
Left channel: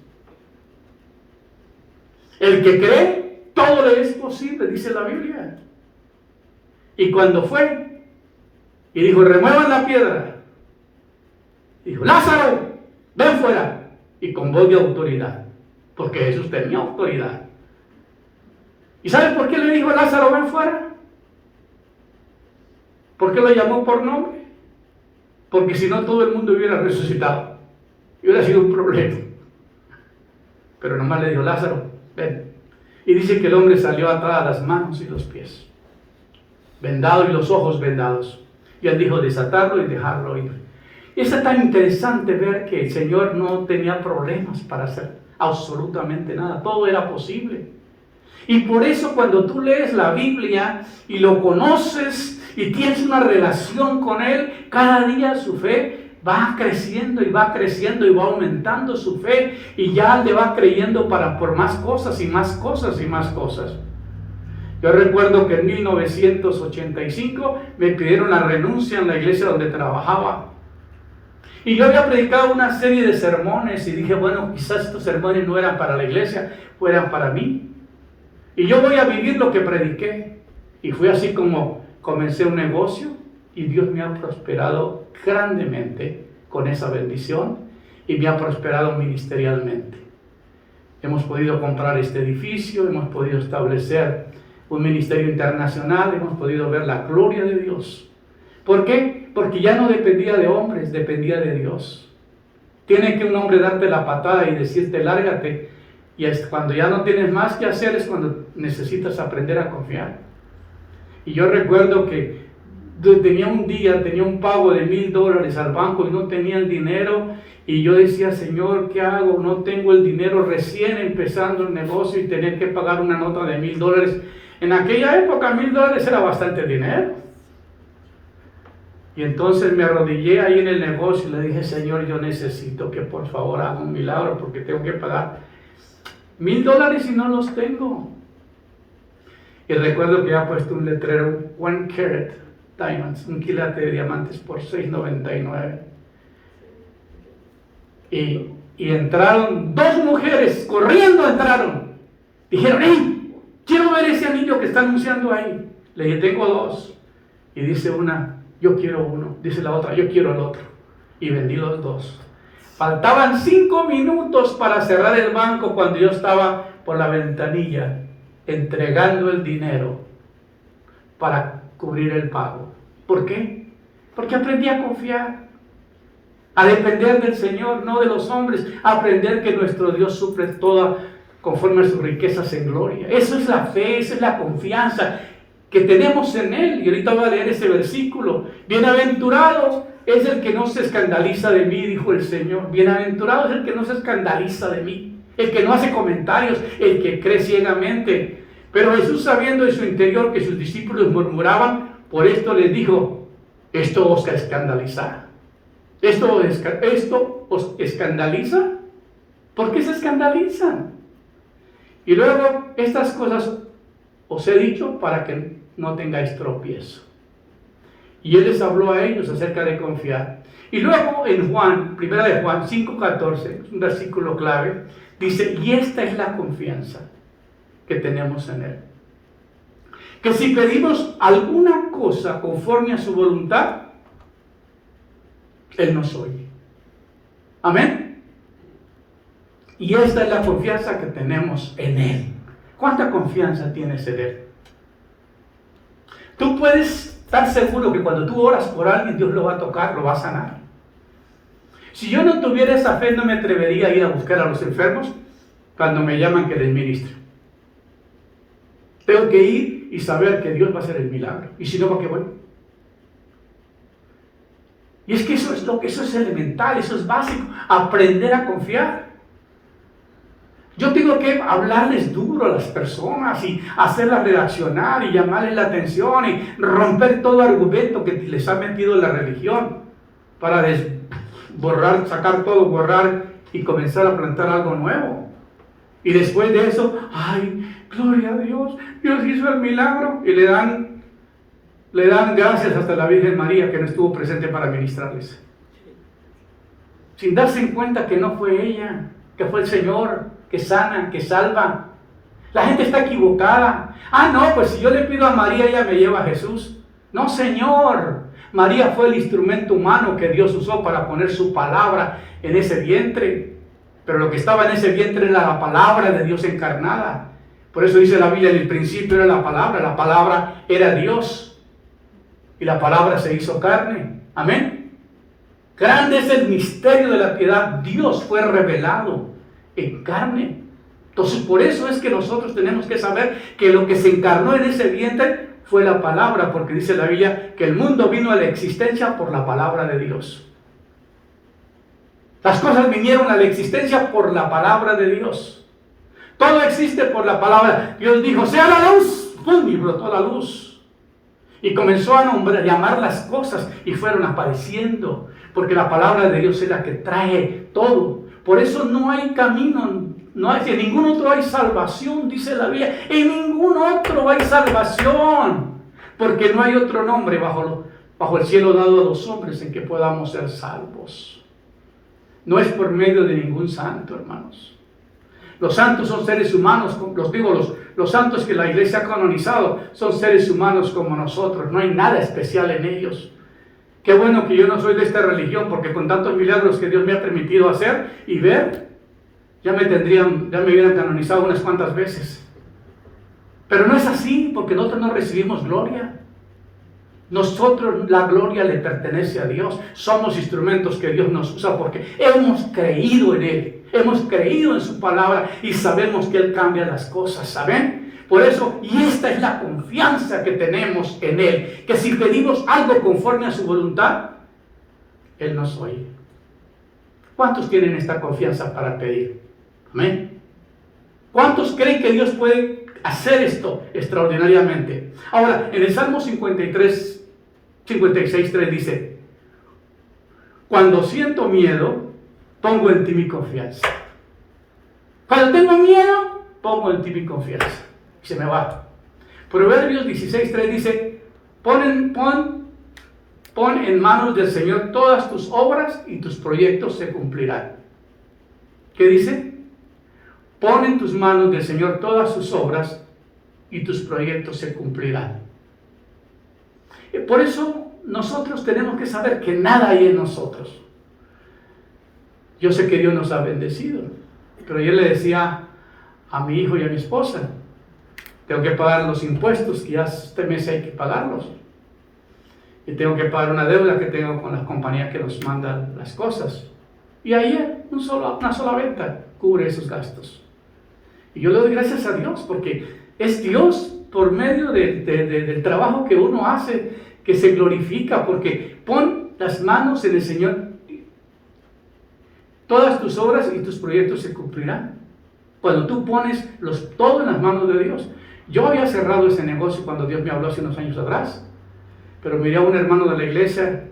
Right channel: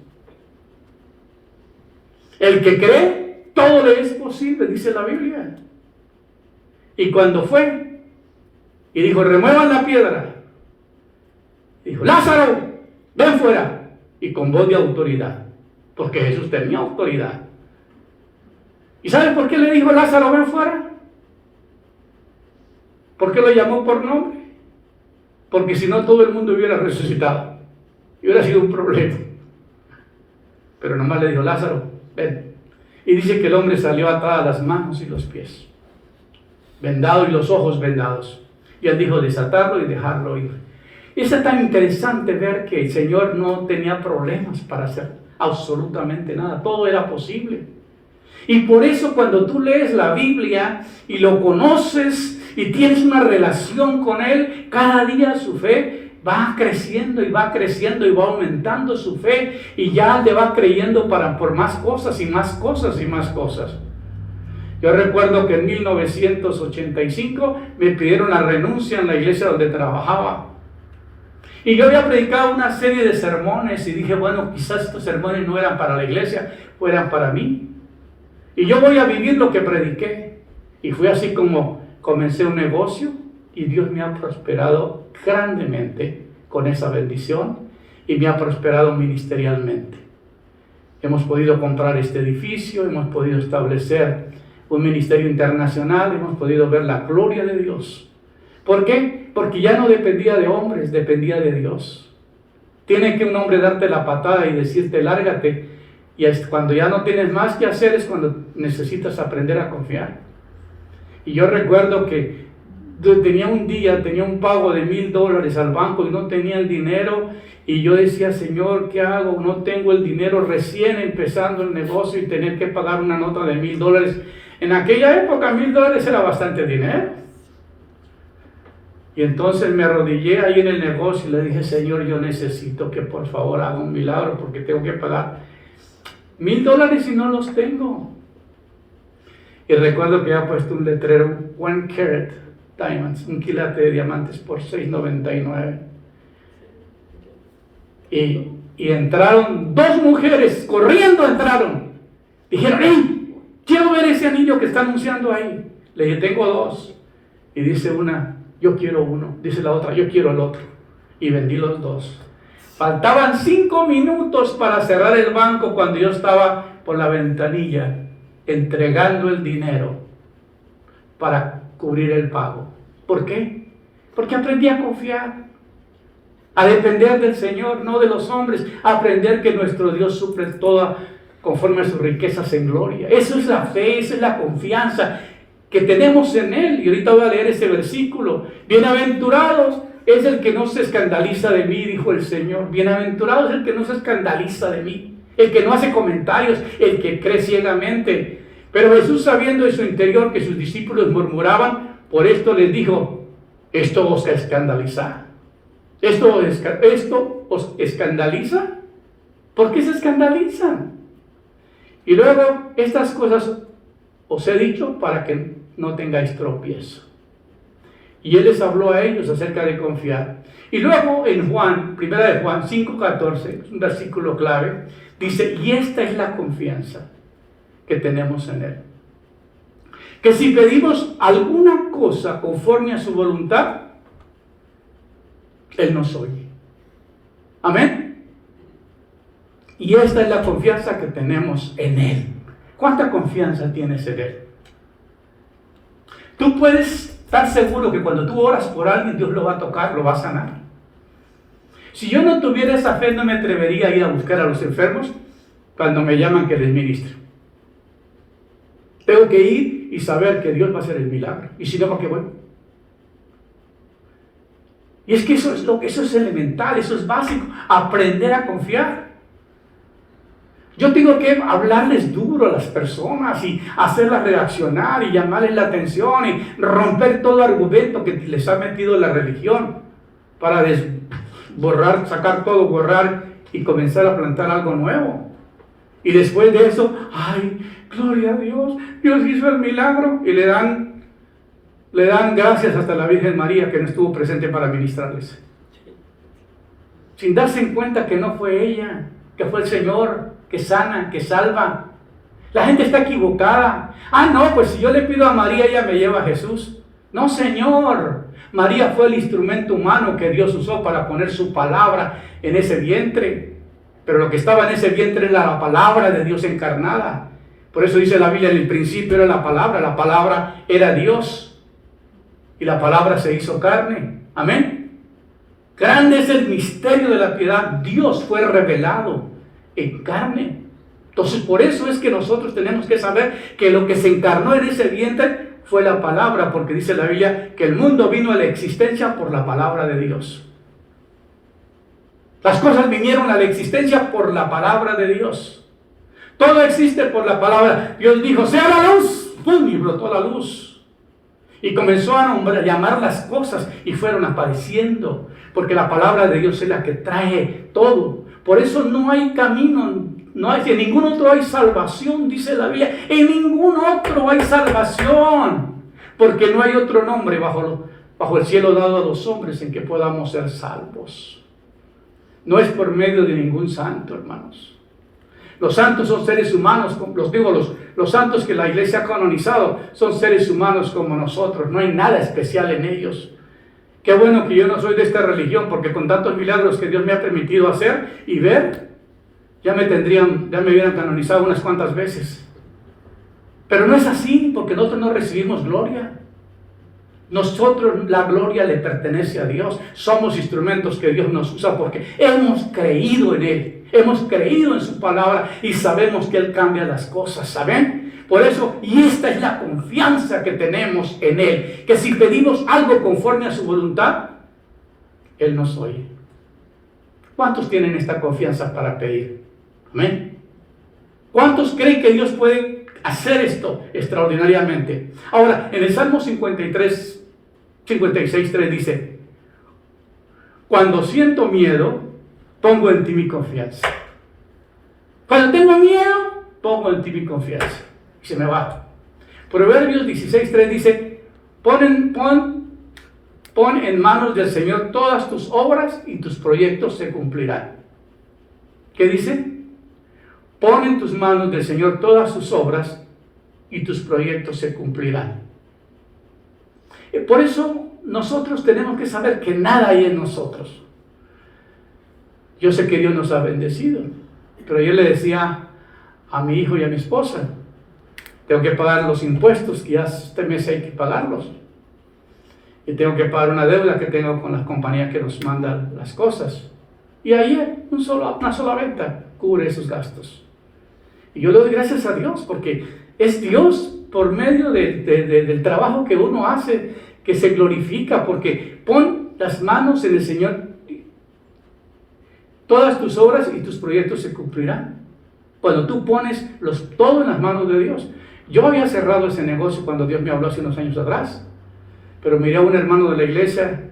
El que cree, todo le es posible, dice la Biblia. Y cuando fue, y dijo, remuevan la piedra. Dijo, Lázaro, ven fuera. Y con voz de autoridad, porque Jesús tenía autoridad. ¿Y saben por qué le dijo Lázaro, ven fuera? ¿Por qué lo llamó por nombre? Porque si no, todo el mundo hubiera resucitado. Y hubiera sido un problema. Pero nomás le dijo, Lázaro, ven. Y dice que el hombre salió atada las manos y los pies, vendado y los ojos vendados. Y él dijo, desatarlo y dejarlo ir. Y es tan interesante ver que el Señor no tenía problemas para hacer absolutamente nada. Todo era posible. Y por eso cuando tú lees la Biblia y lo conoces y tienes una relación con Él, cada día su fe va creciendo y va creciendo y va aumentando su fe, y ya le va creyendo por más cosas y más cosas y más cosas. Yo recuerdo que en 1985 me pidieron la renuncia en la iglesia donde trabajaba. Y yo había predicado una serie de sermones y dije, bueno, quizás estos sermones no eran para la iglesia, eran para mí. Y yo voy a vivir lo que prediqué. Y fue así como comencé un negocio y Dios me ha prosperado grandemente con esa bendición y me ha prosperado ministerialmente. Hemos podido comprar este edificio, hemos podido establecer un ministerio internacional, hemos podido ver la gloria de Dios. ¿Por qué? Porque ya no dependía de hombres, dependía de Dios. Tiene que un hombre darte la patada y decirte lárgate, y cuando ya no tienes más que hacer es cuando necesitas aprender a confiar. Y yo recuerdo que tenía un pago de $1,000 al banco y no tenía el dinero, y yo decía, Señor, ¿qué hago? No tengo el dinero, recién empezando el negocio y tener que pagar una nota de $1,000. En aquella época $1,000 era bastante dinero. Y entonces me arrodillé ahí en el negocio y le dije, Señor, yo necesito que por favor haga un milagro porque tengo que pagar $1,000 y no los tengo. Y recuerdo que había puesto un letrero, 1 carat diamonds, un quilate de diamantes por $6.99. Y entraron 2 mujeres, corriendo entraron. Dijeron, hey, quiero ver ese anillo que está anunciando ahí. Le dije, tengo dos. Y dice una, yo quiero uno. Dice la otra, yo quiero el otro. Y vendí los dos. Faltaban 5 minutos para cerrar el banco cuando yo estaba por la ventanilla entregando el dinero para cubrir el pago. ¿Por qué? Porque aprendí a confiar, a depender del Señor, no de los hombres, a aprender que nuestro Dios suple toda conforme a sus riquezas en gloria. Eso es la fe, esa es la confianza que tenemos en Él. Y ahorita voy a leer ese versículo. Bienaventurados es el que no se escandaliza de mí, dijo el Señor. Bienaventurado es el que no se escandaliza de mí, el que no hace comentarios, el que cree ciegamente. Pero Jesús, sabiendo en su interior que sus discípulos murmuraban, por esto les dijo, esto os escandaliza. ¿Esto os escandaliza? ¿Por qué se escandalizan? Y luego, estas cosas os he dicho para que no tengáis tropiezo. Y Él les habló a ellos acerca de confiar. Y luego en Juan, primera de Juan 5:14, un versículo clave, dice, y esta es la confianza que tenemos en Él. Que si pedimos alguna cosa conforme a su voluntad, Él nos oye. Amén. Y esta es la confianza que tenemos en Él. ¿Cuánta confianza tienes en Él? Tú puedes estar seguro que cuando tú oras por alguien, Dios lo va a tocar, lo va a sanar. Si yo no tuviera esa fe, no me atrevería a ir a buscar a los enfermos cuando me llaman que les ministre. Tengo que ir y saber que Dios va a hacer el milagro. Y si no, ¿por qué voy? Y es que eso es elemental, eso es básico, aprender a confiar. Yo tengo que hablarles duro a las personas y hacerlas reaccionar y llamarles la atención y romper todo argumento que les ha metido la religión para borrar, sacar todo, borrar y comenzar a plantar algo nuevo. Y después de eso, ¡ay, gloria a Dios! Dios hizo el milagro y le dan gracias hasta a la Virgen María que no estuvo presente para ministrarles. Sin darse en cuenta que no fue ella, que fue el Señor, que sana, que salva. La gente está equivocada. Ah, no, pues si yo le pido a María, ella me lleva a Jesús. No, Señor. María fue el instrumento humano que Dios usó para poner su palabra en ese vientre. Pero lo que estaba en ese vientre era la palabra de Dios encarnada. Por eso dice la Biblia, en el principio era la palabra era Dios. Y la palabra se hizo carne. Amén. Grande es el misterio de la piedad. Dios fue revelado en carne. Entonces por eso es que nosotros tenemos que saber que lo que se encarnó en ese vientre fue la palabra, porque dice la Biblia que el mundo vino a la existencia por la palabra de Dios. Las cosas vinieron a la existencia por la palabra de Dios. Todo existe por la palabra. Dios dijo, sea la luz, ¡pum!, y brotó la luz. Y comenzó a llamar las cosas y fueron apareciendo, porque la palabra de Dios es la que trae todo. Por eso no hay camino, en ningún otro hay salvación, dice la Biblia. En ningún otro hay salvación, porque no hay otro nombre bajo el cielo dado a los hombres en que podamos ser salvos. No es por medio de ningún santo, hermanos. Los santos son seres humanos, los santos que la iglesia ha canonizado son seres humanos como nosotros, no hay nada especial en ellos. Qué bueno que yo no soy de esta religión, porque con tantos milagros que Dios me ha permitido hacer y ver, ya me hubieran canonizado unas cuantas veces. Pero no es así, porque nosotros no recibimos gloria. Nosotros, la gloria le pertenece a Dios. Somos instrumentos que Dios nos usa porque hemos creído en Él, hemos creído en su palabra y sabemos que Él cambia las cosas, ¿saben? Por eso, y esta es la confianza que tenemos en Él, que si pedimos algo conforme a su voluntad, Él nos oye. ¿Cuántos tienen esta confianza para pedir? Amén. ¿Cuántos creen que Dios puede hacer esto extraordinariamente? Ahora, en el Salmo 56:3 dice, cuando siento miedo, pongo en ti mi confianza. Cuando tengo miedo, pongo en ti mi confianza. Y se me va. Proverbios 16:3 dice, pon en manos del Señor todas tus obras y tus proyectos se cumplirán. ¿Qué dice? Pon en tus manos del Señor todas tus obras y tus proyectos se cumplirán. Por eso nosotros tenemos que saber que nada hay en nosotros. Yo sé que Dios nos ha bendecido, pero yo le decía a mi hijo y a mi esposa, tengo que pagar los impuestos y ya este mes hay que pagarlos. Y tengo que pagar una deuda que tengo con las compañías que nos mandan las cosas. Y ayer una sola venta cubre esos gastos. Y yo le doy gracias a Dios porque es Dios por medio del trabajo que uno hace que se glorifica, porque pon las manos en el Señor. Todas tus obras y tus proyectos se cumplirán cuando tú pones todo en las manos de Dios. Yo había cerrado ese negocio cuando Dios me habló hace unos años atrás, pero miré a un hermano de la iglesia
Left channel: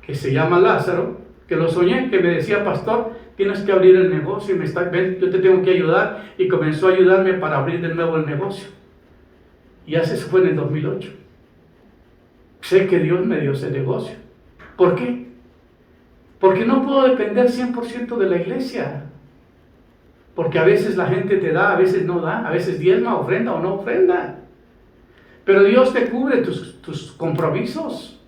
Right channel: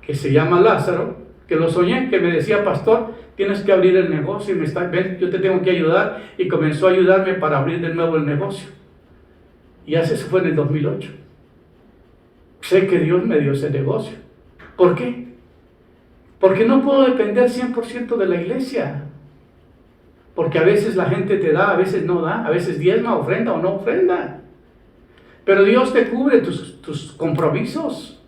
que se llama Lázaro, que lo soñé, que me decía, pastor, tienes que abrir el negocio, ven, yo te tengo que ayudar, y comenzó a ayudarme para abrir de nuevo el negocio. Y eso fue en el 2008. Sé que Dios me dio ese negocio. ¿Por qué? Porque no puedo depender 100% de la iglesia. Porque a veces la gente te da, a veces no da, a veces diezma, ofrenda o no ofrenda. Pero Dios te cubre tus compromisos.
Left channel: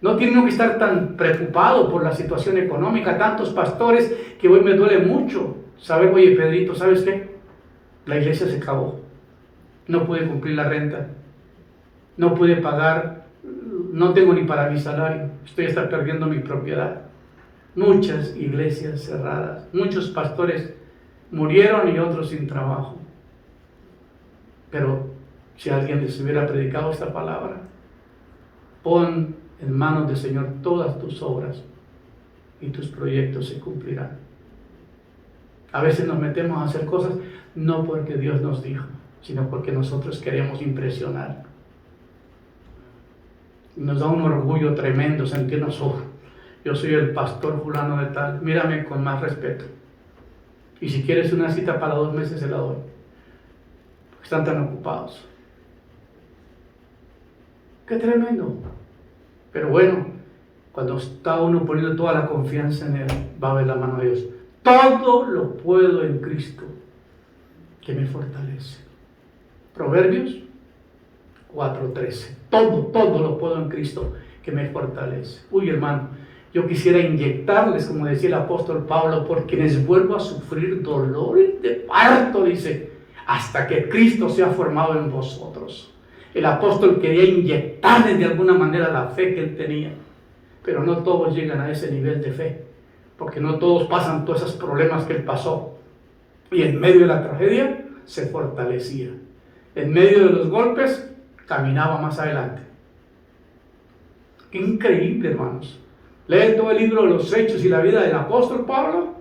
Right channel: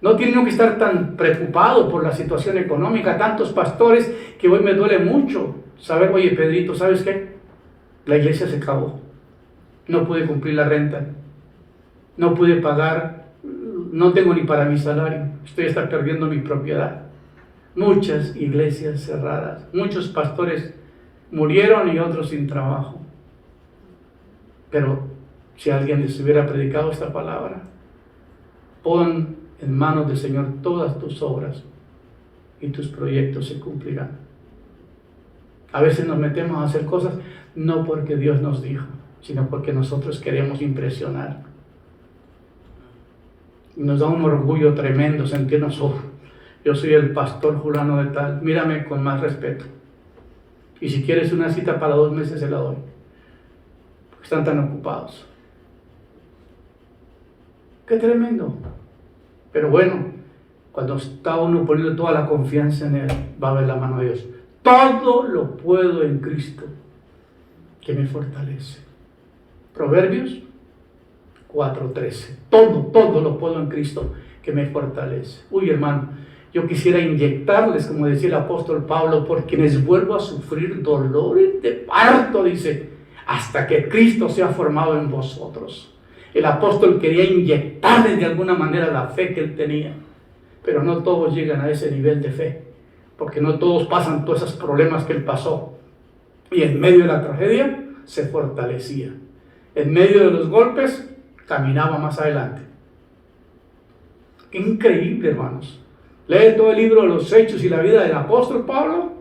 No tiene que estar tan preocupado por la situación económica. Tantos pastores que hoy me duele mucho saber, oye Pedrito, ¿sabes qué? La iglesia se acabó. No pude cumplir la renta. No pude pagar. No tengo ni para mi salario. Estoy hasta perdiendo mi propiedad. Muchas iglesias cerradas. Muchos pastores murieron y otros sin trabajo. Pero si alguien les hubiera predicado esta palabra, pon en manos del Señor todas tus obras y tus proyectos se cumplirán. A veces nos metemos a hacer cosas no porque Dios nos dijo, sino porque nosotros queremos impresionar. Y nos da un orgullo tremendo sentirnos, yo soy el pastor fulano de tal, mírame con más respeto. Y si quieres una cita para 2 meses se la doy, porque están tan ocupados. ¡Qué tremendo! Pero bueno, cuando está uno poniendo toda la confianza en Él, va a ver la mano de Dios. Todo lo puedo en Cristo, que me fortalece. Proverbios 4:13. Todo lo puedo en Cristo, que me fortalece. Uy, hermano, yo quisiera inyectarles, como decía el apóstol Pablo, por quienes vuelvo a sufrir dolores de parto, dice, hasta que Cristo sea formado en vosotros. El apóstol quería inyectarles de alguna manera la fe que él tenía, pero no todos llegan a ese nivel de fe, porque no todos pasan todos esos problemas que él pasó. Y en medio de la tragedia se fortalecía. En medio de los golpes caminaba más adelante. Increíble, hermanos. Lee todo el libro de los Hechos y la vida del apóstol Pablo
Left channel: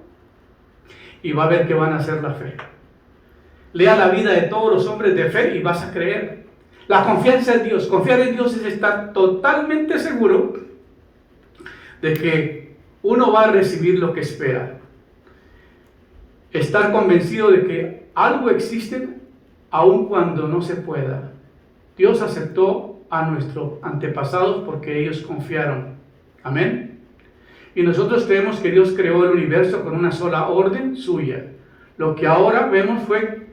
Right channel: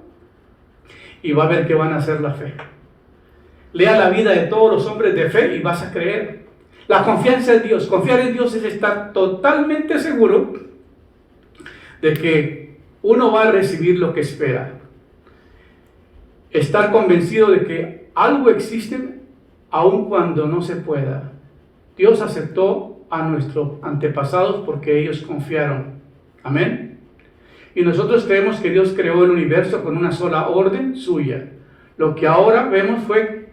y va a ver que van a ser la fe. Lea la vida de todos los hombres de fe y vas a creer. La confianza en Dios. Confiar en Dios es estar totalmente seguro de que uno va a recibir lo que espera. Estar convencido de que algo existe aun cuando no se pueda. Dios aceptó a nuestros antepasados porque ellos confiaron. Amén. Y nosotros creemos que Dios creó el universo con una sola orden suya. Lo que ahora vemos fue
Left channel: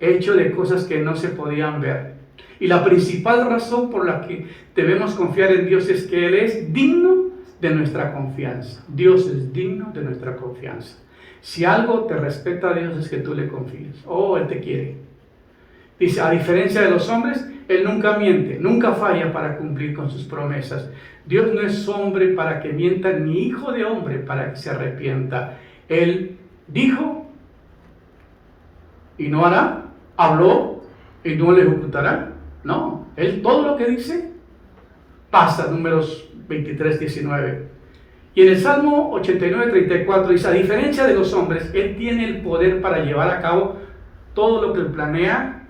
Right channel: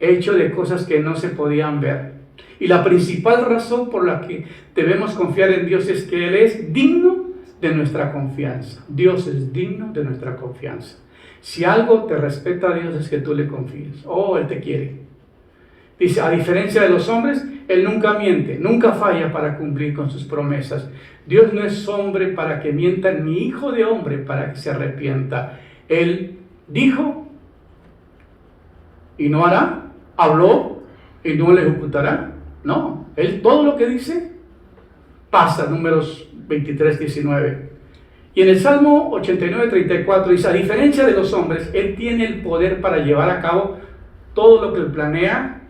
hecho de cosas que no se podían ver. Y la principal razón por la que debemos confiar en Dios es que Él es digno de nuestra confianza. Dios es digno de nuestra confianza. Si algo te respeta a Dios es que tú le confíes. Él te quiere. Dice, a diferencia de los hombres, Él nunca miente, nunca falla para cumplir con sus promesas. Dios no es hombre para que mienta, ni hijo de hombre para que se arrepienta. Él dijo y no hará, habló y no le ejecutará. No, Él todo lo que dice pasa. Números 23:19. Y en el Salmo 89:34 dice, a diferencia de los hombres, Él tiene el poder para llevar a cabo todo lo que Él planea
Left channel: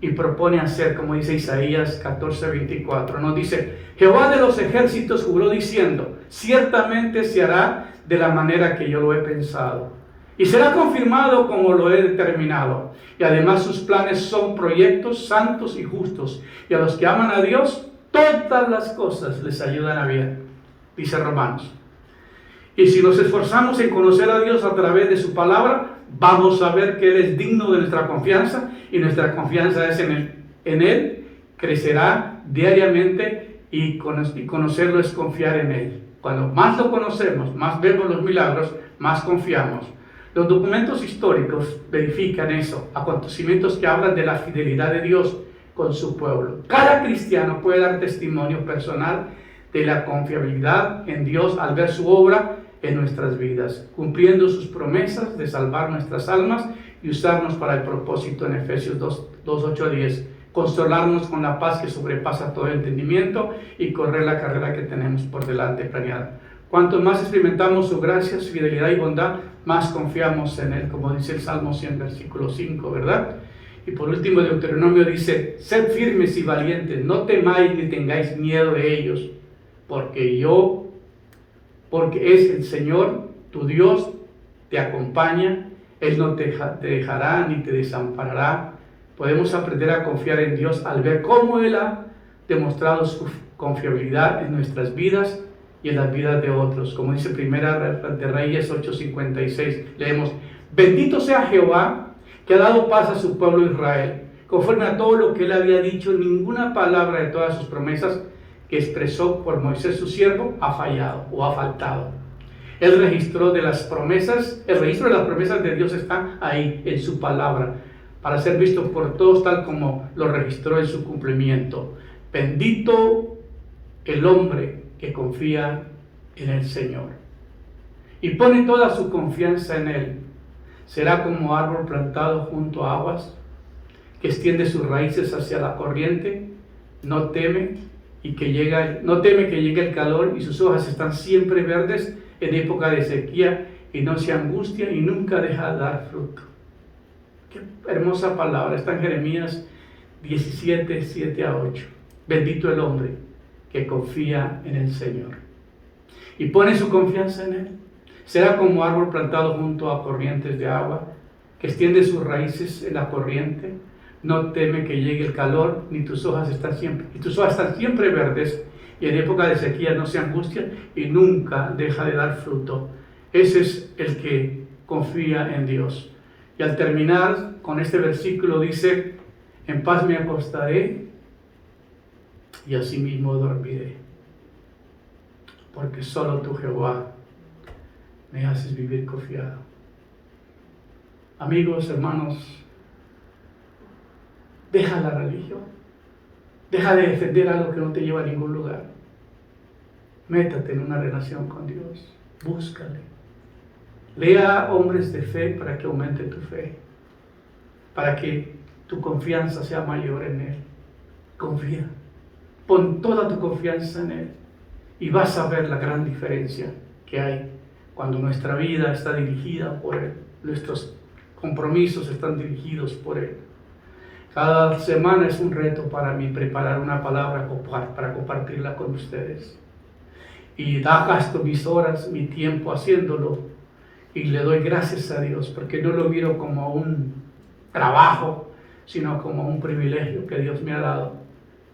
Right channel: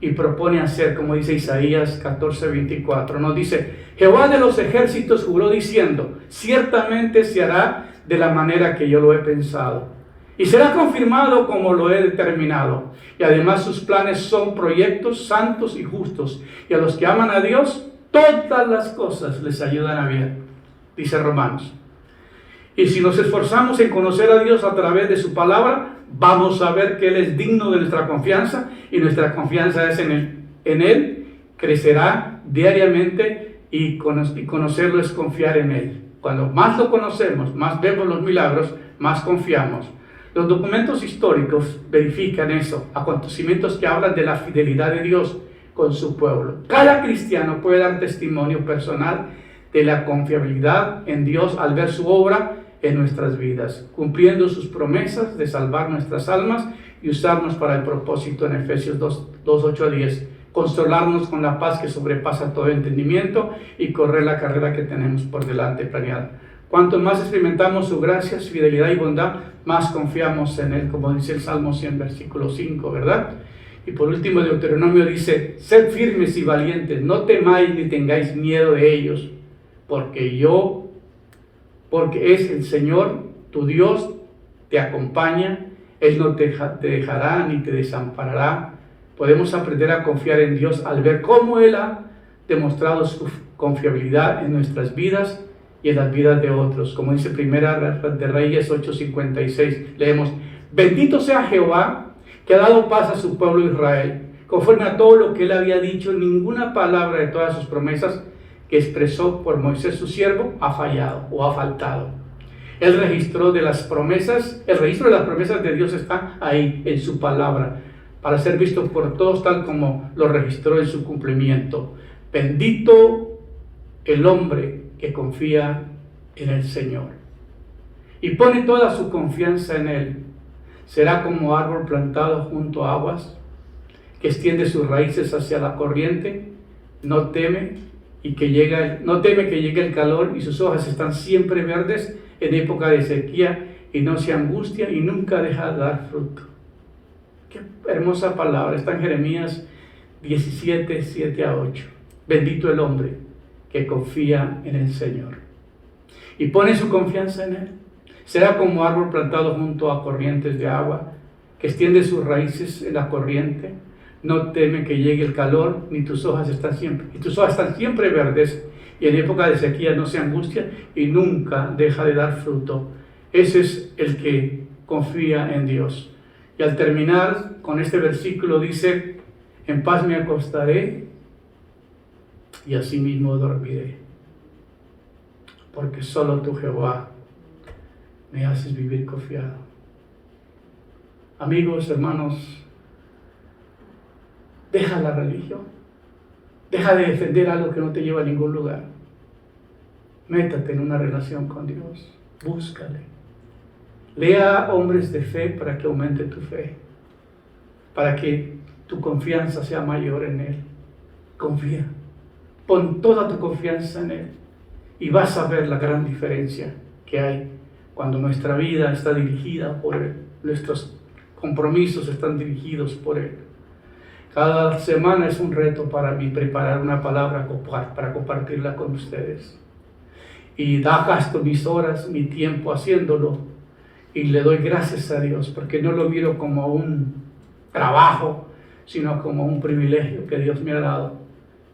y propone hacer, como dice Isaías 14:24. Nos dice, Jehová de los ejércitos juró diciendo, ciertamente se hará de la manera que yo lo he pensado. Y será confirmado como lo he determinado. Y además sus planes son proyectos santos y justos. Y a los que aman a Dios, todas las cosas les ayudan a bien. Dice Romanos. Y si nos esforzamos en conocer a Dios a través de su palabra, vamos a ver que Él es digno de nuestra confianza. Y nuestra confianza es en Él crecerá diariamente y conocerlo es confiar en Él. Cuando más lo conocemos, más vemos los milagros, más confiamos. Los documentos históricos verifican eso, acontecimientos que hablan de la fidelidad de Dios con su pueblo. Cada cristiano puede dar testimonio personal de la confiabilidad en Dios al ver su obra en nuestras vidas, cumpliendo sus promesas de salvar nuestras almas y usarnos para el propósito en Efesios 2:8-10, consolarnos con la paz que sobrepasa todo entendimiento y correr la carrera que tenemos por delante planeada. Cuanto más experimentamos su gracia, su fidelidad y bondad, más confiamos en Él, como dice el Salmo 100, versículo 5, ¿verdad? Y por último, Deuteronomio dice: sed firmes y valientes, no temáis ni tengáis miedo de ellos, porque es el Señor, tu Dios, te acompaña, Él no te dejará ni te desamparará. Podemos aprender a confiar en Dios al ver cómo Él ha demostrado su confiabilidad en nuestras vidas y en las vidas de otros. Como dice Primera de Reyes 8:56, leemos: bendito sea Jehová, que ha dado paz a su pueblo Israel, conforme a todo lo que Él había dicho. Ninguna palabra de todas sus promesas que expresó por Moisés su siervo ha fallado o ha faltado. El registro de las promesas de Dios está ahí en su palabra, para ser visto por todos tal como lo registró en su cumplimiento. Bendito el hombre que confía en el Señor y pone toda su confianza en Él. Será como árbol plantado junto a aguas, que extiende sus raíces hacia la corriente, no teme que llegue el calor, y sus hojas están siempre verdes en época de sequía, y no se angustia y nunca deja de dar fruto. Qué hermosa palabra, está en Jeremías 17, 7-8. Bendito el hombre que confía en el Señor y pone su confianza en Él. Será como árbol plantado junto a corrientes de agua, que extiende sus raíces en la corriente, no teme que llegue el calor, ni tus hojas están siempre verdes, y en época de sequía no se angustia y nunca deja de dar fruto. Ese es el que confía en Dios. Y al terminar con este versículo dice: en paz me acostaré y asimismo dormiré, porque solo tú, Jehová, me haces vivir confiado. Amigos, hermanos, deja la religión, deja de defender algo que no te lleva a ningún lugar. Métate en una relación con Dios, búscale. Lea hombres de fe para que aumente tu fe, para que tu confianza sea mayor en Él. Confía, pon toda tu confianza en Él y vas a ver la gran diferencia que hay cuando nuestra vida está dirigida por Él, nuestros compromisos están dirigidos por Él. Cada semana es un reto para mí preparar una palabra para compartirla con ustedes. Y gasto mis horas, mi tiempo haciéndolo. Y le doy gracias a Dios, porque no lo miro como un trabajo, sino como un privilegio que Dios me ha dado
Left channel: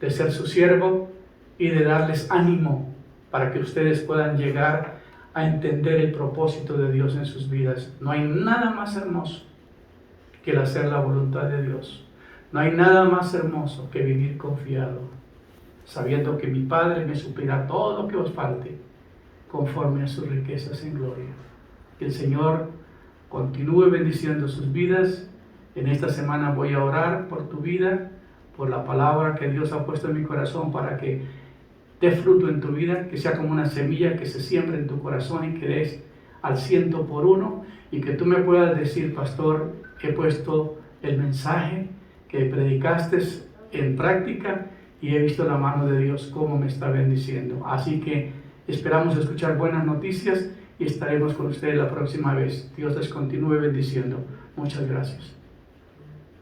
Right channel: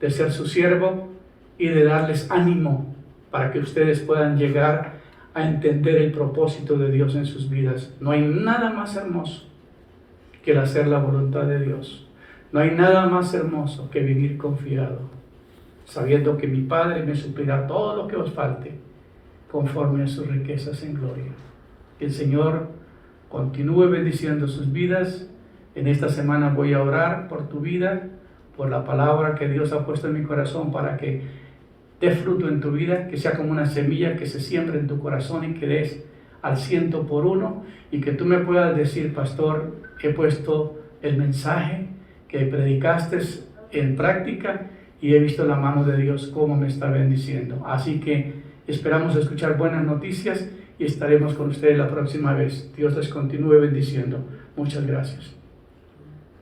de ser su siervo y de darles ánimo para que ustedes puedan llegar a entender el propósito de Dios en sus vidas. No hay nada más hermoso que el hacer la voluntad de Dios. No hay nada más hermoso que vivir confiado, sabiendo que mi Padre me suplirá todo lo que os falte, conforme a sus riquezas en gloria. Que el Señor continúe bendiciendo sus vidas. En esta semana voy a orar por tu vida, por la palabra que Dios ha puesto en mi corazón para que dé fruto en tu vida, que sea como una semilla que se siembre en tu corazón y que des al 100%, y que tú me puedas decir: pastor, he puesto el mensaje que predicaste en práctica y he visto la mano de Dios cómo me está bendiciendo. Así que esperamos escuchar buenas noticias y estaremos con ustedes la próxima vez. Dios les continúe bendiciendo. Muchas gracias.